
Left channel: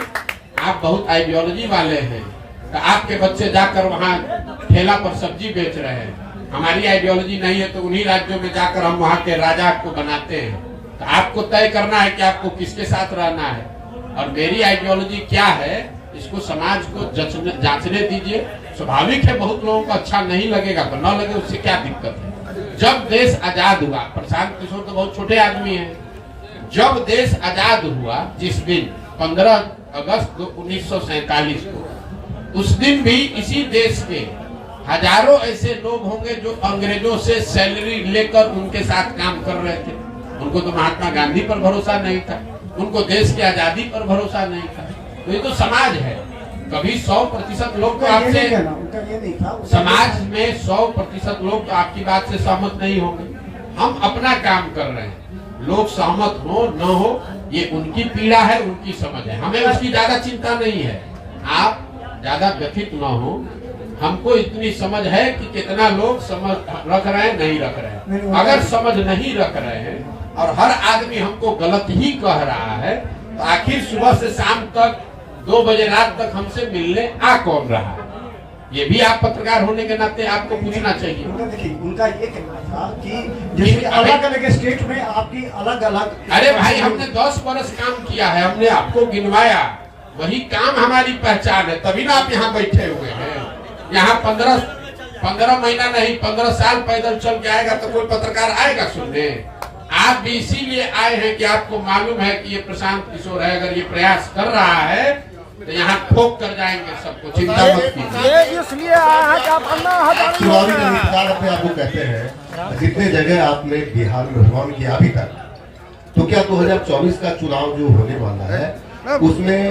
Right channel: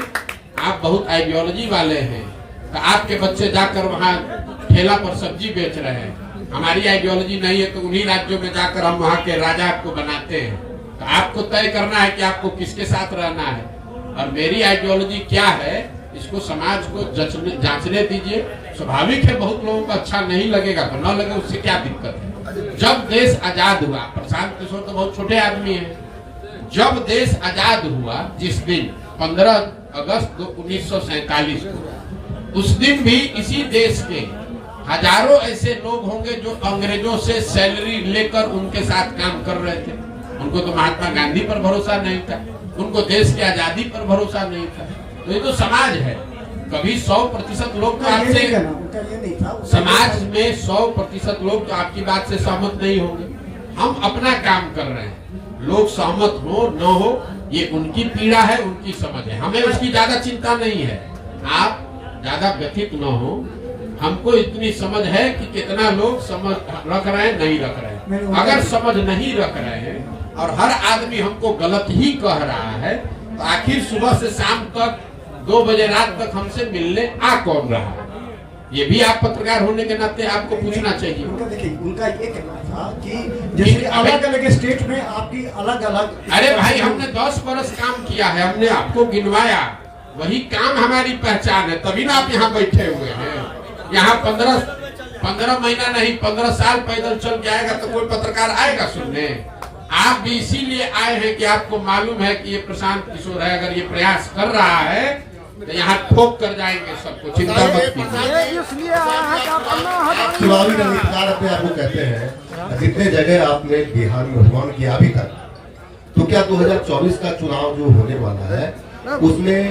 आप बहुत आइडियोलॉजी वाले हैं, तो आपके बच्चे जाकर वहां ठेला पर सब्जी बेच रहे हैं। हमारी आइडियोलॉजी नहीं है तो उन्हीं राज्यों में जाकर हम वहां के राजा को बनाते हैं। तो आपको तय करना है कि आपको किसके साथ रहना है और मेरी आइडियोलॉजी क्या है, इसको समाज को जांचने दीजिए। स्वाभाविक है बहुत लोगों को अच्छा नहीं लगेगा तो न लगे, उससे क्या दिक्कत है। जब देश आजाद हुआ, प्रशांत किशोर तो बहुत छोटे आदमी हैं, जब देश आजाद हुआ जिस दिन 15 अगस्त 1947 को, उस दिन भी इसी देश के हजारों ऐसे लोग होंगे जो अंग्रेजों से सैलरी लेकर उनके साथ काम कर रहे थे। उनको तो महात्मा गांधी पर भरोसा नहीं था, उनको देश की आजादी पर भरोसा नहीं था। तो ये तो समाज है। कभी 100% लोग तो आपसे, समाज में 100% लोग तो आपकी बात से सहमत नहीं होंगे। हम अपना काम कर रहे हैं, लोग सहमत हो न हो ये उनकी पीड़ा है, उनकी समझ है, हमें उसकी ज्यादा चिंता नहीं है। आप ज्यादा व्यथित न हो, हमको इतनी समझ है कि कितना लोग समझ रख रहे हैं, नहीं रख रहे हैं। अगर समझ नहीं रख रहे हैं और हर आदमी हमको गलत ही कह रहा है तो आखिर सुबह से शाम तक 2 बजे रात तक हमसे मिलने आ कौन रहा? ये भी आप पत्रकार होने के नाते आपको पूछना चाहिए। उनका देखिए, उनका ये कहना था कि जैसे अलग अलग स्टेट में आपकी अलग अलग। अरे भाई, हमने 10 बरस काम किया है, हमने आपको गिनवाया, वही काम हमारी पहचान है, तभी ना आप यहाँ बैठे हुए हैं। यहाँ 15 महीना नहीं 15 साल पैदल चल के आएगा तो कोई पत्रकार आएगा सुनने? आप भी इसीलिए आए हैं कि आपको मालूम है कि ये प्रशांत किशोर है, अगर ये प्रयास कर रहा है तो यहाँ ठोक कर जाएंगे सबको, चिंता मत कीजिए। चुनावी रणनीतिकार अपने आप को कहते हैं, जितने जगह आपने बिहार में भ्रमण किया अभी तक, तो क्या 2024 का चुनाव जो होने वाला है उसमें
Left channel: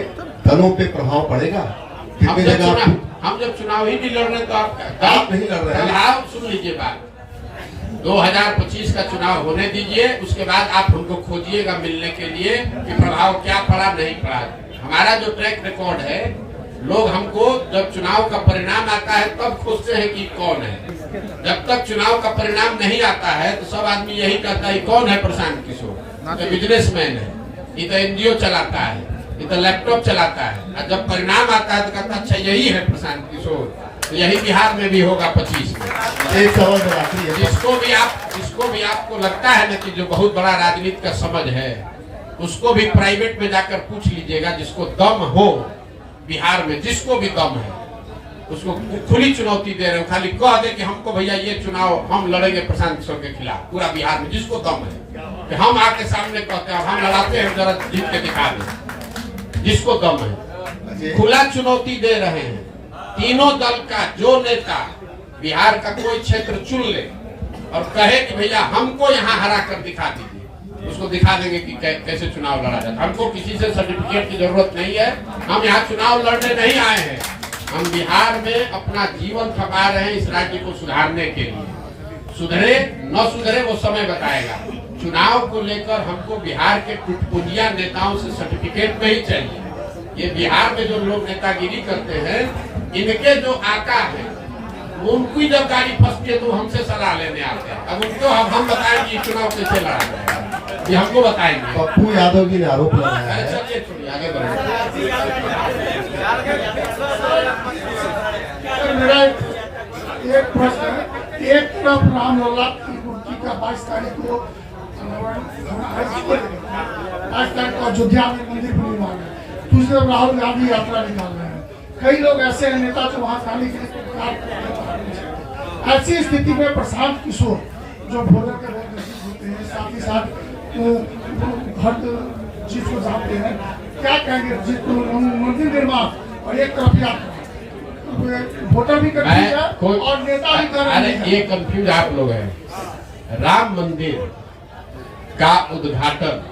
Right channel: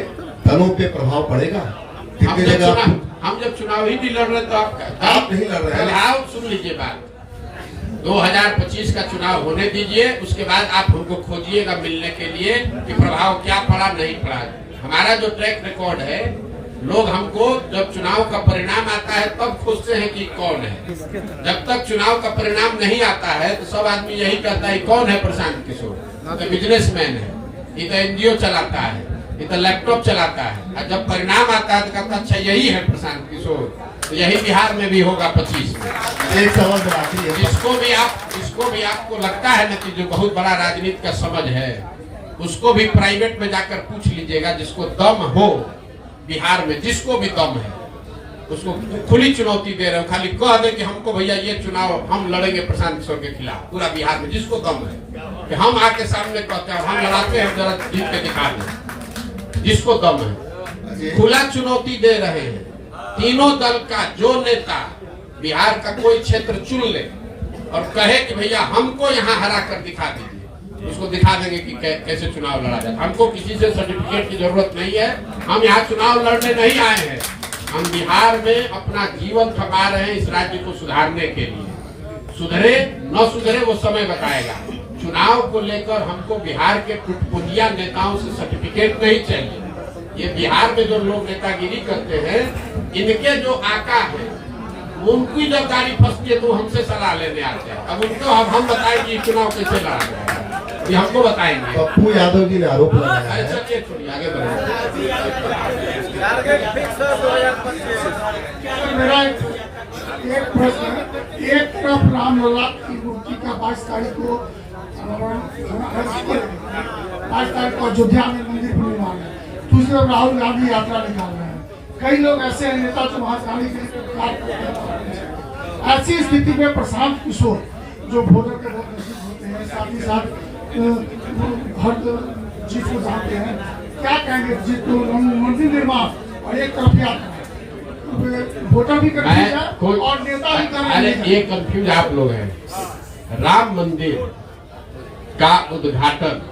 दलों पे प्रभाव पड़ेगा? हम जब चुनाव ही नहीं लड़ रहे तो आप नहीं लड़ रहे हैं। आप सुन लीजिए बात, 2025 का चुनाव होने दीजिए, उसके बाद आप हमको खोजिएगा मिलने के लिए कि प्रभाव क्या पड़ा नहीं पड़ा। हमारा जो ट्रैक रिकॉर्ड है, लोग हमको जब चुनाव का परिणाम आता है तब खोजते हैं कि कौन है। जब तक चुनाव का परिणाम नहीं आता है तो सब आदमी यही कहता है कौन है प्रशांत किशोर, तो बिजनेसमैन है, ये तो एनजीओ चलाता है, ये तो लैपटॉप चलाता है। और जब परिणाम आता है तो कहता अच्छा यही है प्रशांत किशोर। तो यही बिहार में भी होगा 25 में। एक सवाल आखिरी है, जिसको भी आपको लगता है ना कि जो बहुत बड़ा राजनीति का समझ है, उसको भी प्राइवेट में जाकर पूछ लीजिएगा। जिसको दम हो बिहार में, जिसको भी दम है, उसको खुली चुनौती दे रहे हो, खाली कह दे कि हमको भैया ये चुनाव हम लड़ेंगे प्रशांत किशोर के खिलाफ, पूरा बिहार में जिसको दम है कि हम आके सामने कहते हैं हम लड़ाते हैं, जरा जीत के दिखा दें, जिसको दम है। खुला चुनौती दे रहे हैं तीनों दल का। जो नेता बिहार का कोई क्षेत्र चुन ले और कहे कि भैया हमको यहाँ हरा कर दिखा दीजिए, उसको दिखा देंगे कि कैसे चुनाव लड़ा जाए। हमको किसी से सर्टिफिकेट की जरूरत नहीं है, हम यहाँ चुनाव लड़ने नहीं आए हैं, हम बिहार में अपना जीवन खपा रहे हैं इस राज्य को सुधारने के लिए। सुधरे न सुधरे वो समय बताएगा। चुनाव को लेकर हमको बिहार के टुटपुंजिया नेताओं से सर्टिफिकेट नहीं चाहिए। ये बिहार में जो लोग नेतागिरी करते हैं, इनके जो आका है उनकी जब गाड़ी फंसती है तो हमसे सलाह लेने आते हैं। अब उनको हम बताएंगे चुनाव कैसे लड़ा जाएगा, ये हमको बताएंगे। पप्पू यादव जी ने आरोप लगाया है। चलिए छोड़िए, आगे बढ़िए। मेरा एक प्रश्न, एक तरफ रामलला की मूर्ति का 22 तारीख को 22 तारीख को अयोध्या में मंदिर निर्माण है, दूसरे राहुल गांधी यात्रा निकाल रहे हैं। कई लोग ऐसे नेता जो महाकाली के ऐसी स्थिति में प्रशांत किशोर जो भोजन के बहुत नजदीक होते हैं, साथ ही साथ हर चीज को जानते हैं, क्या कहेंगे? मंदिर निर्माण और एक तरफ यात्रा, वोटर भी कर और नेता भी कर। अरे ये कंफ्यूज आप लोग हैं। राम मंदिर का उद्घाटन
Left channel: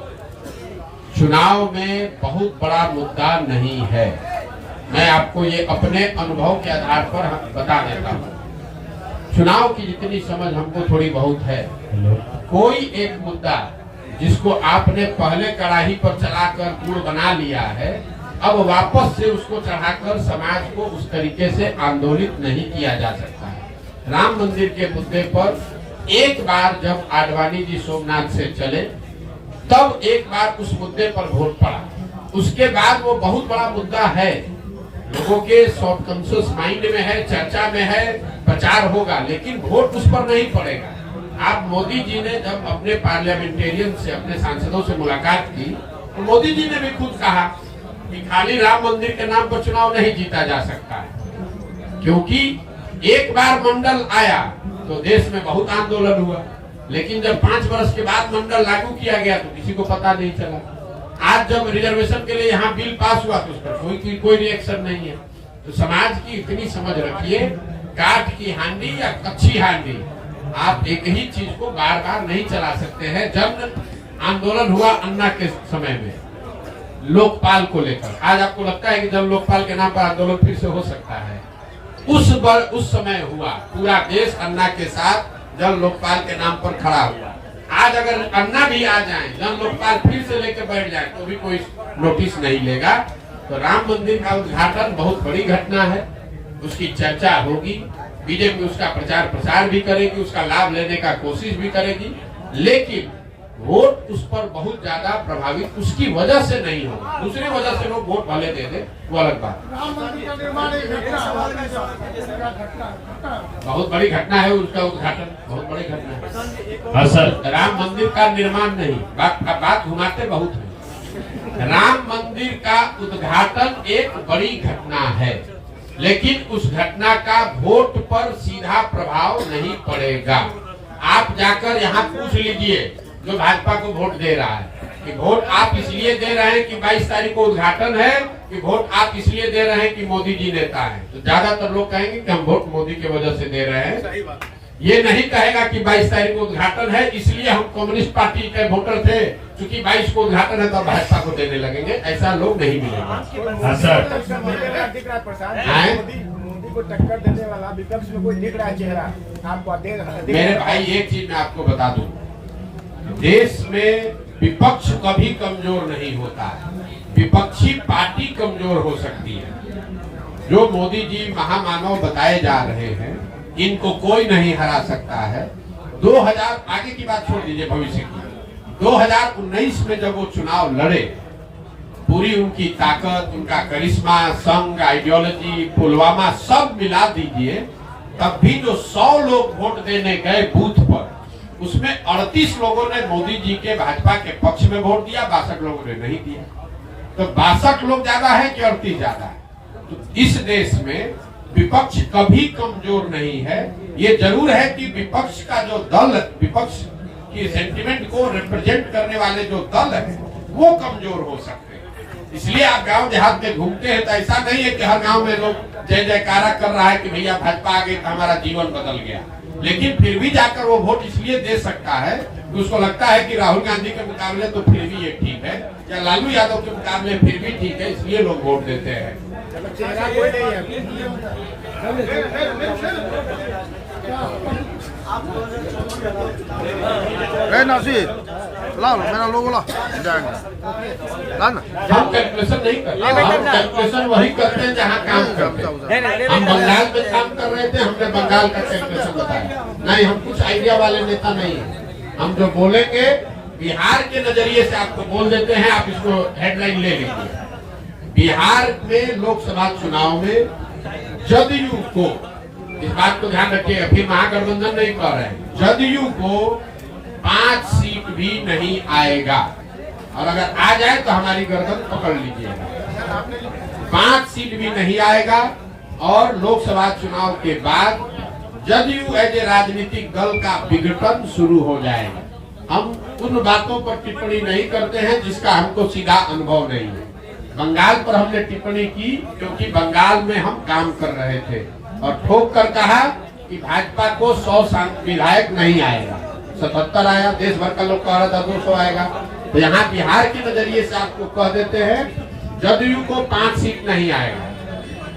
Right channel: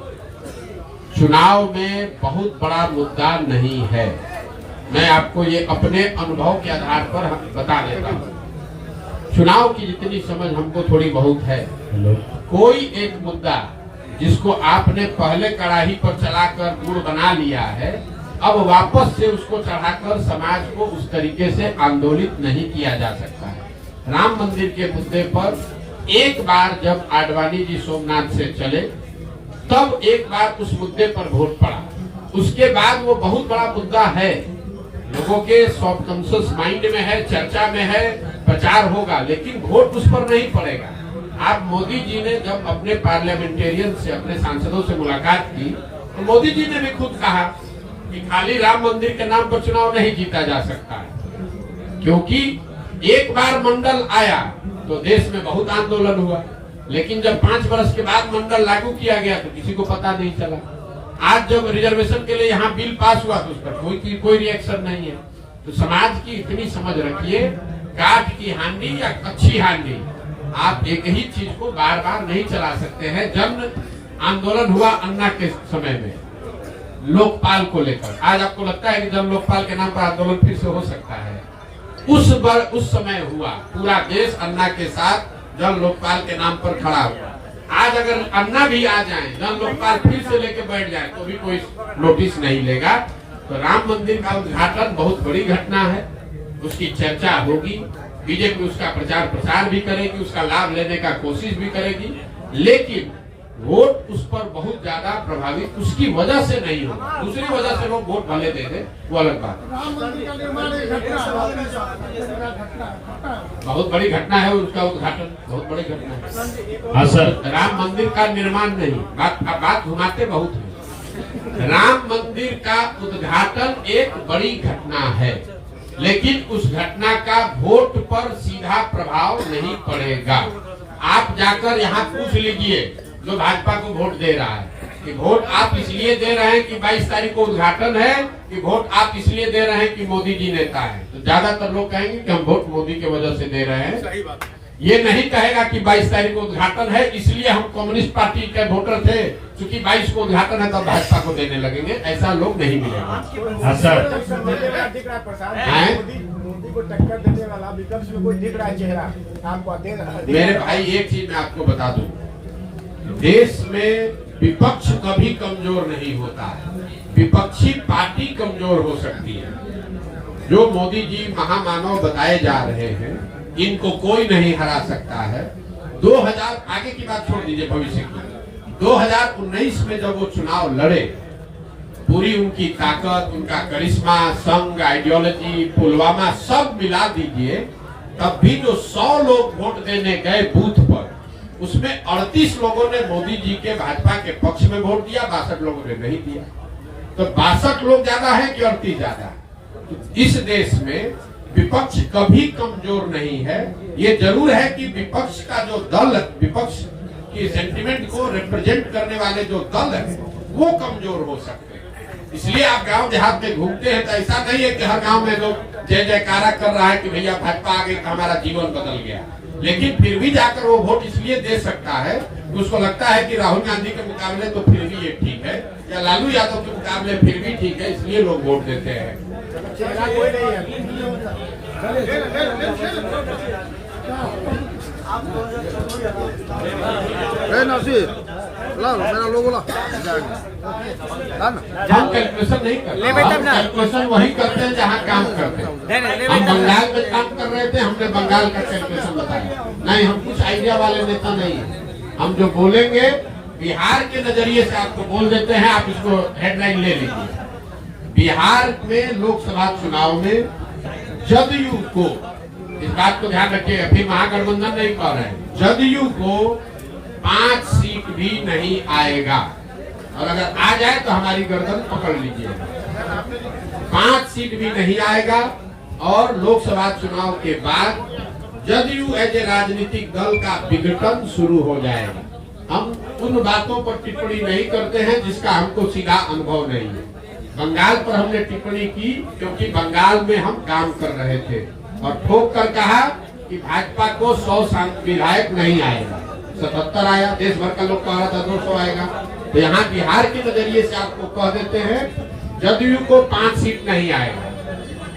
चुनाव में बहुत बड़ा मुद्दा नहीं है। मैं आपको ये अपने अनुभव के आधार पर बता देता हूँ। चुनाव की जितनी समझ हमको थोड़ी बहुत है, कोई एक मुद्दा जिसको आपने पहले कड़ाही पर चलाकर गुड़ बना लिया है, अब वापस से उसको चढ़ाकर समाज को उस तरीके से आंदोलित नहीं किया जा सकता है। राम मंदिर के मुद्दे पर एक बार जब आडवाणी जी सोमनाथ से चले, तब एक बार उस मुद्दे पर वोट पड़ा। उसके बाद वो बहुत बड़ा मुद्दा है, लोगों के सबकॉन्शियस माइंड में है, चर्चा में है, प्रचार होगा, लेकिन वोट उस पर नहीं पड़ेगा। आप मोदी जी ने जब अपने पार्लियामेंटेरियन से, अपने सांसदों से मुलाकात की, तो मोदी जी ने भी खुद कहा कि खाली राम मंदिर के नाम पर चुनाव नहीं जीता जा सकता है, क्योंकि एक बार मंडल आया तो देश में बहुत आंदोलन हुआ, लेकिन जब 5 वर्ष के बाद मंडल लागू किया गया तो किसी को पता नहीं चला। आज जब रिजर्वेशन के लिए यहाँ बिल पास हुआ तो उस पर कोई रिएक्शन नहीं है। तो समाज की इतनी समझ रखिए, काठ की हांडी या अच्छी हांडी, आप एक ही चीज को बार बार नहीं चला सकते हैं। जन आंदोलन हुआ अन्ना के समय में लोकपाल को लेकर, आज आपको लगता है कि जन लोकपाल के नाम पर आंदोलन फिर से हो सकता है? उस समय हुआ, पूरा देश अन्ना के साथ जन लोकपाल के नाम पर खड़ा हुआ। आज अगर अन्ना भी आ जाए, जन लोकपाल फिर से लेके बैठ जाए तो भी कोई नोटिस नहीं लेगा। तो राम मंदिर का उद्घाटन बहुत बड़ी घटना है, उसकी चर्चा होगी, बीजेपी उसका प्रचार प्रसार भी करेगी, उसका लाभ लेने का कोशिश भी करेगी, लेकिन वोट उस पर बहुत ज्यादा प्रभावित उसकी वजह से नहीं हो, दूसरी वजह से लोग वोट भले दे दे, वो अलग बात है। राम मंदिर का निर्माण एक घटना बहुत बड़ी घटना है, उसका उद्घाटन बहुत बड़ी घटना है। हाँ सर, राम मंदिर का निर्माण नहीं, बात घुमाते बहुत है। राम मंदिर का उद्घाटन एक बड़ी घटना है, लेकिन उस घटना का वोट पर सीधा प्रभाव नहीं पड़ेगा। आप जाकर यहाँ पूछ लीजिए जो भाजपा को वोट दे रहा है कि वोट आप इसलिए दे रहे हैं कि 22 तारीख को उद्घाटन है, कि वोट आप इसलिए दे रहे हैं कि मोदी जी नेता है। तो ज्यादातर लोग कहेंगे कि हम वोट मोदी की वजह से दे रहे हैं। ये नहीं कहेगा कि 22 तारीख को उद्घाटन है इसलिए हम कम्युनिस्ट पार्टी के वोटर थे, क्योंकि 22 को उद्घाटन है तो हम भाजपा को देने लगेंगे। ऐसा लोग नहीं मिलेगा। हाँ सर, दिख रहा है प्रशांत, मोदी को टक्कर देने वाला विपक्ष में कोई दिख रहा है चेहरा आपको? मेरे भाई एक चीज मैं आपको बता दूं, देश में विपक्ष कभी कमजोर नहीं होता है, विपक्षी पार्टी कमजोर हो सकती है। जो मोदी जी महामानव बताए जा रहे हैं, इनको कोई नहीं हरा सकता है। 2000 आगे की बात छोड़ दीजिए, भविष्य की 2019 में जब वो चुनाव लड़े, पूरी उनकी ताकत, उनका करिश्मा, संघ, आइडियोलॉजी, पुलवामा सब मिला दीजिए, तब भी जो 100 लोग वोट देने गए बूथ पर, उसमें 38 लोगों ने मोदी जी के भाजपा के पक्ष में वोट दिया, 62 लोगों ने नहीं दिया। तो 62 लोग ज्यादा है कि 38 ज्यादा है? तो इस देश में विपक्ष कभी कमजोर नहीं है। ये जरूर है कि विपक्ष का जो दल, विपक्ष की सेंटिमेंट को रिप्रेजेंट करने वाले जो दल है वो कमजोर हो सकते हैं। इसलिए आप गांव देहात में घूमते हैं तो ऐसा नहीं है कि हर गांव में लोग जय जयकारा कर रहा है कि भैया भाजपा आ गई, हमारा जीवन बदल गया। लेकिन फिर भी जाकर वो वोट इसलिए दे सकता है कि उसको लगता है कि राहुल गांधी के मुकाबले तो फिर भी ये ठीक है, या लालू यादव के मुकाबले फिर भी ठीक है, इसलिए लोग वोट देते हैं। चेहरा कोई नहीं है। हम कैलकुलेशन नहीं करते, हम कैलकुलेशन वही करते हैं जहाँ काम करते हैं। हम बंगाल में काम कर रहे थे, हमने बंगाल का कैलकुलेशन बताया। नहीं, हम कुछ आइडिया वाले नेता नहीं है। हम जो बोलेंगे बिहार के नजरिए से आपको बोल देते हैं, आप इसको हेडलाइन ले लीजिए। बिहार में लोकसभा चुनाव में जदयू को, इस बात को ध्यान रखिए, अभी महागठबंधन नहीं कह रहे हैं, जदयू को 5 सीट भी नहीं आएगा। और अगर आ जाए तो हमारी गर्दन पकड़ लीजिएगा। 5 सीट भी नहीं आएगा। और लोकसभा चुनाव के बाद जदयू एज ए राजनीतिक दल का विघटन शुरू हो जाएगा। हम उन बातों पर टिप्पणी नहीं करते हैं जिसका हमको सीधा अनुभव नहीं है। बंगाल पर हमने टिप्पणी की क्योंकि बंगाल में हम काम कर रहे थे और ठोक कर कहा कि भाजपा को 100 विधायक नहीं आएगा, 77 आया। देश भर का लोग कह रहा था 200 आएगा। तो यहाँ बिहार के नजरिए से आपको कह देते हैं जदयू को 5 सीट नहीं आएगा।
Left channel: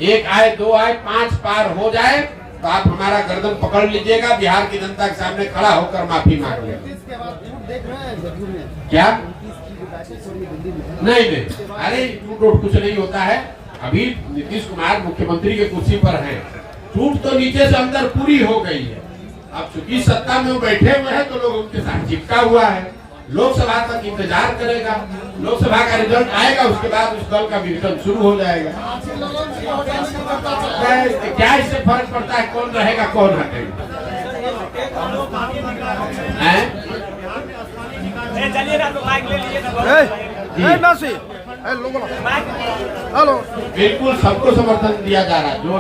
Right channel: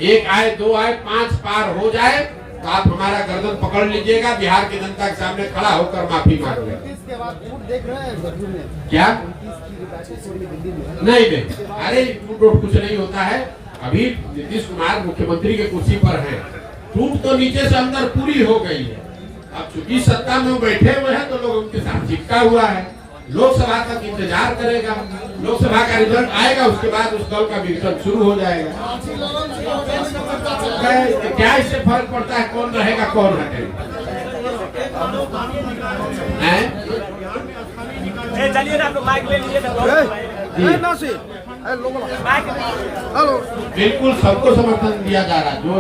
1 आए, 2 आए, 5 पार हो जाए तो आप हमारा गर्दन पकड़ लीजिएगा, बिहार की जनता के सामने खड़ा होकर माफी मांगिए। क्या नहीं नहीं, अरे टूट कुछ नहीं होता है। अभी नीतीश कुमार मुख्यमंत्री के कुर्सी पर है, टूट तो नीचे से अंदर पूरी हो गई है। अब चूंकि सत्ता में वो बैठे हुए हैं तो लोग उनके साथ चिपका हुआ है। लोकसभा तक इंतजार करेगा, लोकसभा का रिजल्ट आएगा, उसके बाद उस दल का विघटन शुरू हो जाएगा। क्या इससे फर्क पड़ता है कौन रहेगा कौन हटेगा? बिल्कुल सबको समर्थन दिया जा रहा है। जो